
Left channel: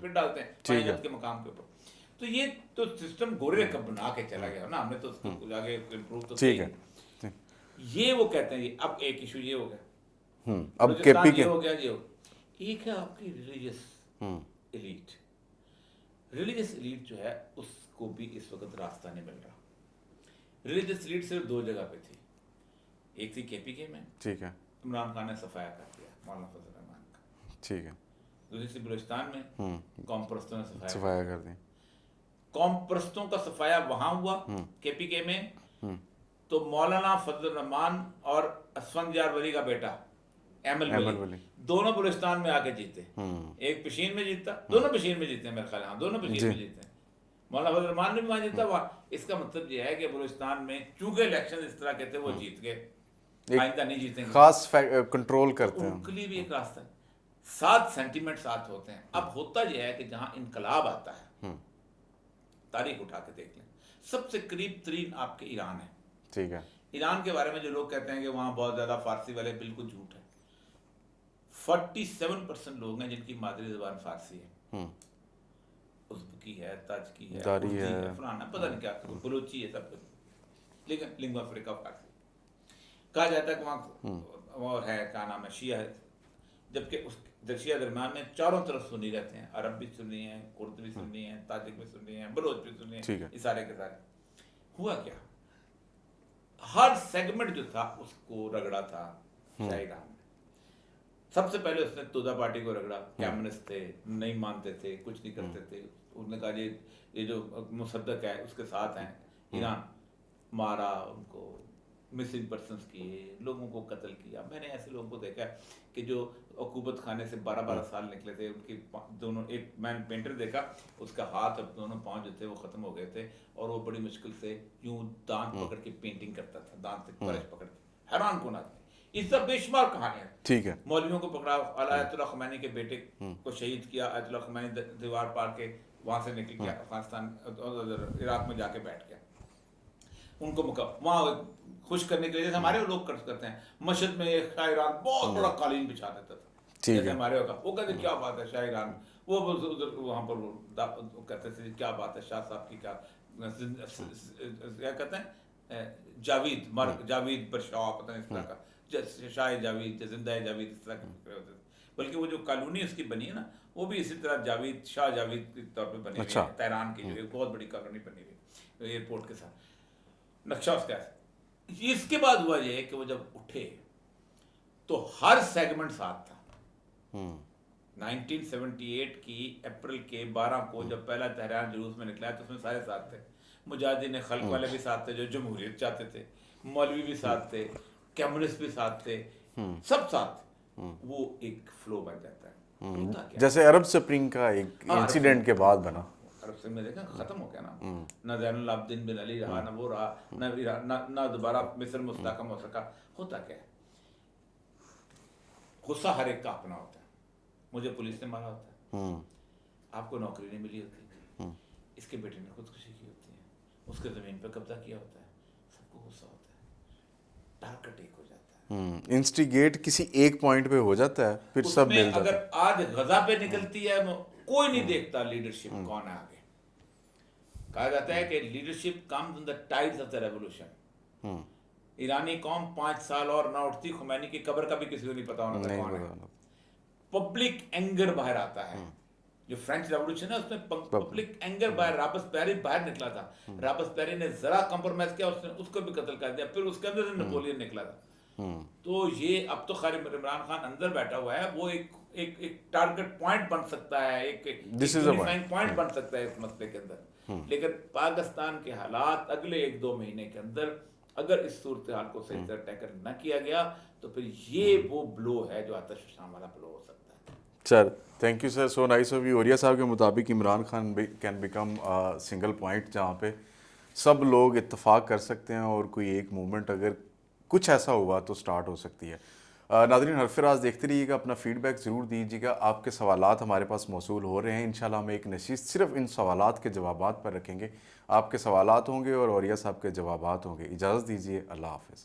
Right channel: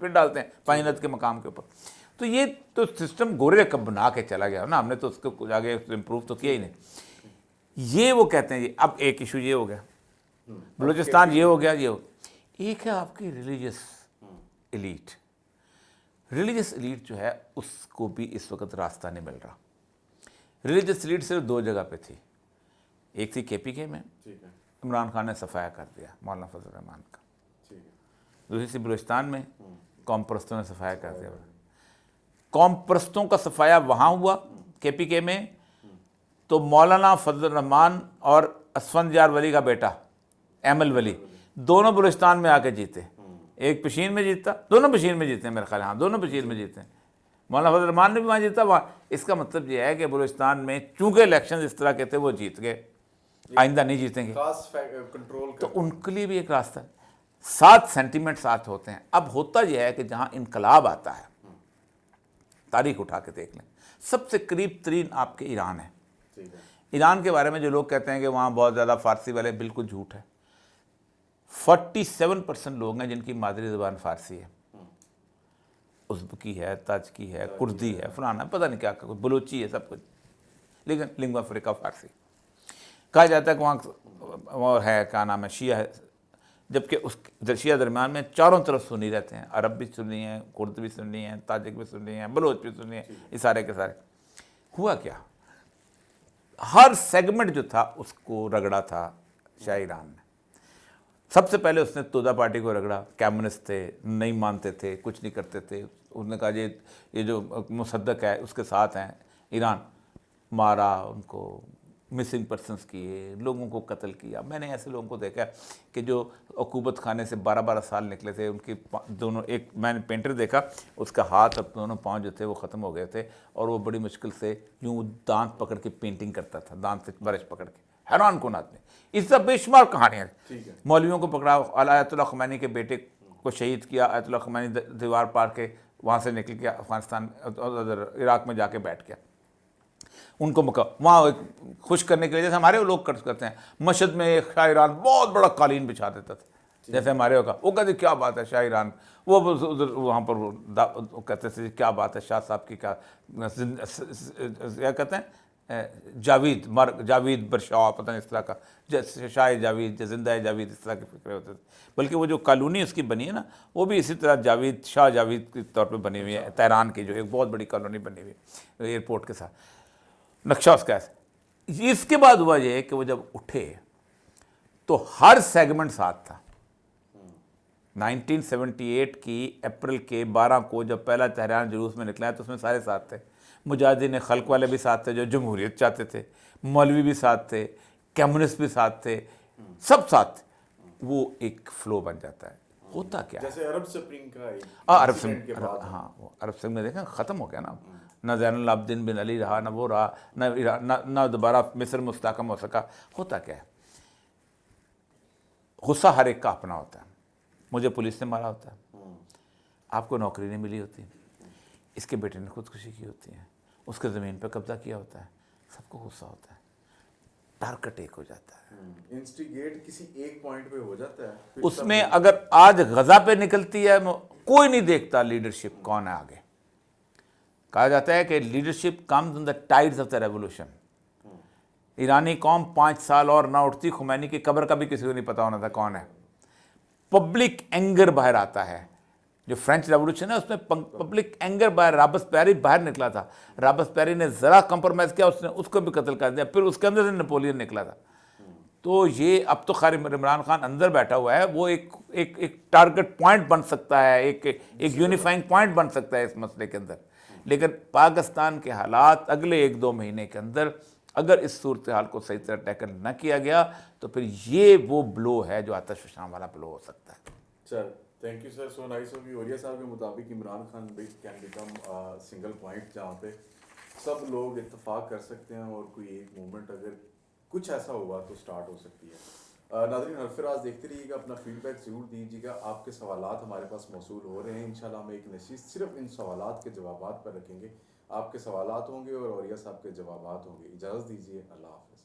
फिर डालते हैं पानीनद के मकाम के ऊपर। तो ये तो सिस्टम गोरे कब बना के चला गया ना, हमने तो उसको कुछ आगे इम्प्रूव तो किया ही नहीं। ये वो कहते हैं जी। अब एक इशू ये हो गया, बलूचिस्तान ये हो गया, ये हो। एक है आपकी रिलीजियस एलीट, रिलीजियस एलीट जो है उसको भी इस वक्त रास्ता नहीं मिल रहा। रिलीजियस एलीट सिर्फ दो जगह पे थी, एक थी केपीके में, ठीक है, इमरान खान ने सफाया कर दिया मौलाना फजल रहमान का। ठीक है, दूसरी सी बलूचिस्तान में कौम परस्तों ने सफाया कर दिया। कर दी। कौम परस्तों का सफाया वहाँ हुआ केपीके में, तो मौलाना फजल रहमान और असफंद यार वली का बेटा अहमल वली दोनों बलूचिस्तान में आके जीते। एक पशीन में जीता, दोनों पशीन में जीते मेरे ख्याल, हाँ दोनों पशीन में जीते। मौलाना फजल रहमान ने भी वहाँ जीता वहाँ। इसका मतलब यह है कि बलूचिस्तान में चूंकि इलेक्शन इस तरह के थे वो जीत गए, आइंदा नहीं जीतेंगे, खास कंट्रोल तो करते हैं। उनके लिए भी एक रास्ता है। सात सेंटीमेंट साथ होते हैं। अब होता यह है कि जहाँ इनकलाब आता है, तारीख उठा के देख लें, सबसे करीब तरीन आपके ईरान है। ठीक है, ईरान के बारे में जो लोग कहते हैं कि वहाँ बहुत ज़्यादा फारसी वाले, बिल्कुल झूठ है। 47% लोग हैं जिनकी मादरी ज़बान फारसी है, उज़्बकी है, ताजकी है, कुर्दी है, फलाना पता नहीं क्या, बलूची है, सब कुछ, लेकिन लिंगुआ फ्रिका फारसी। कहा जाता है कि वहाँ और है, क्या नाम है, शिया है, जबकि उस शिया दरमियान में चारों तरफ सुन्नी रहते हैं। अरब भी सुन्नी हैं, कुर्द भी सुन्नी हैं, ताजिक भी सुन्नी हैं, बलोच भी सुन्नी हैं, ये सारे के सारे। हुआ क्या, हर सेगमेंट जो था उसको रगड़ा था शाह ईरान ने। सबसे पहले उसने तोदा पार्टी को रगड़ा, कम्युनिस्ट थे, नहीं मानते थे, कुछ नहीं करते थे। उसने कहा ये जो मुसद्दक है उसके साथ हैं, ईरान मारा उनको, मिसिंग पर्सनस किए, लोगों को कत्ल किया। मैंने ऐसे लोगों को देखा कि जो अकूबत खाने से 12-12 साल निकले थे, उनके दोनों, एक मैंने पेंटर देखा, उसका हाथ अब दोनों पाँव जो थे वो ख़त्म हो गए थे, और वो बड़ी मुश्किल से यूँ दांत पकड़ के पेंटिंग करता था, दांत से ब्रश पकड़ के। हैरान कौन आदमी। इस सब बेशुमार कहानियाँ। ठीक है, मौलवियों को पकड़ा, आयतुल्लाह ख़ुमैनी के बेटे को शहीद किया, आयतुल्लाह ख़ुमैनी दीवार पार के वहाँ से निकल गया, अफगानिस्तान उधर इराक में जाके बैठ गया। उनको मौका वहाँ खुश करने के लिए, जैसे हमारे लोग करते हैं, मशहद में एक शाह ईरान बहुत बड़ा कालीन बिछा देता था, जैसे हमारे होगा। वो कहते क्या बात है शाह ईरान, वो उधर वहाँ पर कहते थे क्या बात है शाह साहब की, क्या कहते हैं, जावीद बरशाह, पता नहीं इस तरह का, जैसे शाह जावीद, जिंदा जावीद, इस तरह के फिक्रे होते थे। बल्कि वो जो कॉलोनी उसकी बनी है ना, वो भी इसी तरह जावीद, शाह जावीद के तौर पे बनी हुई है। तेहरान की जो एक बहुत बड़ी कॉलोनी बनी हुई है एयरपोर्ट के साथ, नक्शा उसका ऐसा। इसके बाद हुआ ये कि वो जब उठे तो हर सेगमेंट साथ था। 1978 की अप्रैल के 12 को जब पहला तेहरान जुलूस में निकला है, तो उसमें सारे साथ थे। मुजाहिदीन खल्क वाले भी साथ थे जो जमहूरियत चाहते थे, मौलवी भी साथ थे, कम्युनिस्ट भी साथ थे, सब साथ थे। वो एक फ्लो बन जाता है। होता क्या, जैसे अरब स्प्रिंग का एक इंसिडेंट के बाद बना। अरब स्प्रिंग में देखा खत्म हो गया ना, ना ज़ैनुल आबिदीन बिन अली रहा, ना वो रहा, ना दोबारा मिस्र मुस्तहकम हो सका। होता क्या है, गुस्सा हर एक का अपना होता है। मुझे पुलिस ने मारा होता है, आपको नौकरी नहीं मिली होती, इसके बेटे ने खुदकुशी की होती है, उसके ज़मीन पर कब्जा किया होता है, सबको गुस्सा होता है, टारगेट एक हो जाता है। इंस्टिगेट किसी एक पॉइंट पे हो जाता है, फिर सब उसमें अगर आज गजा पे निकलती है, कोई नहीं देखता लीडरशिप कौन है आगे। कहा जाता है कि leadership comes in the tides of the revolution. ईरानी कौम 5 साल और ना उठती, खुमैनी की कब्र का भी किसी को नहीं पता होना था कौन है। पब्लिक एंगर बाहर आता है। जो फ्रेंच रेवोल्यूशन है उसमें पब्लिक एंगर बाहर, राबस्पेरी बाहर निकला था, राबस्पेरी ने जरा कंप्रोमाइज किया, उसने उसको भी कत्ल कर दिया, फिर उसके अंदर से नेपोलियन निकला था। तो ये अब तो खैर इमरान खान अंदर बैठा हुआ है, वो एक टारगेट पॉइंट बन सकता है, एक यूनिफाइंग पॉइंट बन सकता है इस मसले के अंदर। लेकिन पाकिस्तान के हालात अगले 1-2 महीने के अंदर अगर इस सूरत हाल को सही तरह टैकल न किया गया तो फिर ये वो ब्लो है जो आतिशफ़शान वाला ब्लो हो सकता है। Sir thank you sir, so nice of you. Orya साहब के मुताबिक Imran Khan can become single point जहाँ पे सब लोग इत्तेफाक कर सकते हैं, और कोई एक मूवमेंट अगर कुछ ऐसा हुआ तो स्टार्ट हो सकती है। नाज़रीन हरफराज देखते रहिएगा, अपना फीडबैक ज़रूर दीजिएगा। आपके सवालात हमारे पास मौसूल हो रहे हैं, इंशाल्लाह हम एक नशिस्त सिर्फ इन सवालात के जवाबात पर रखेंगे। आपके सवालात होंगे और ओरिया साहब के जवाबात होंगे। इजाज़त दीजिए, अल्लाह हाफ़िज़।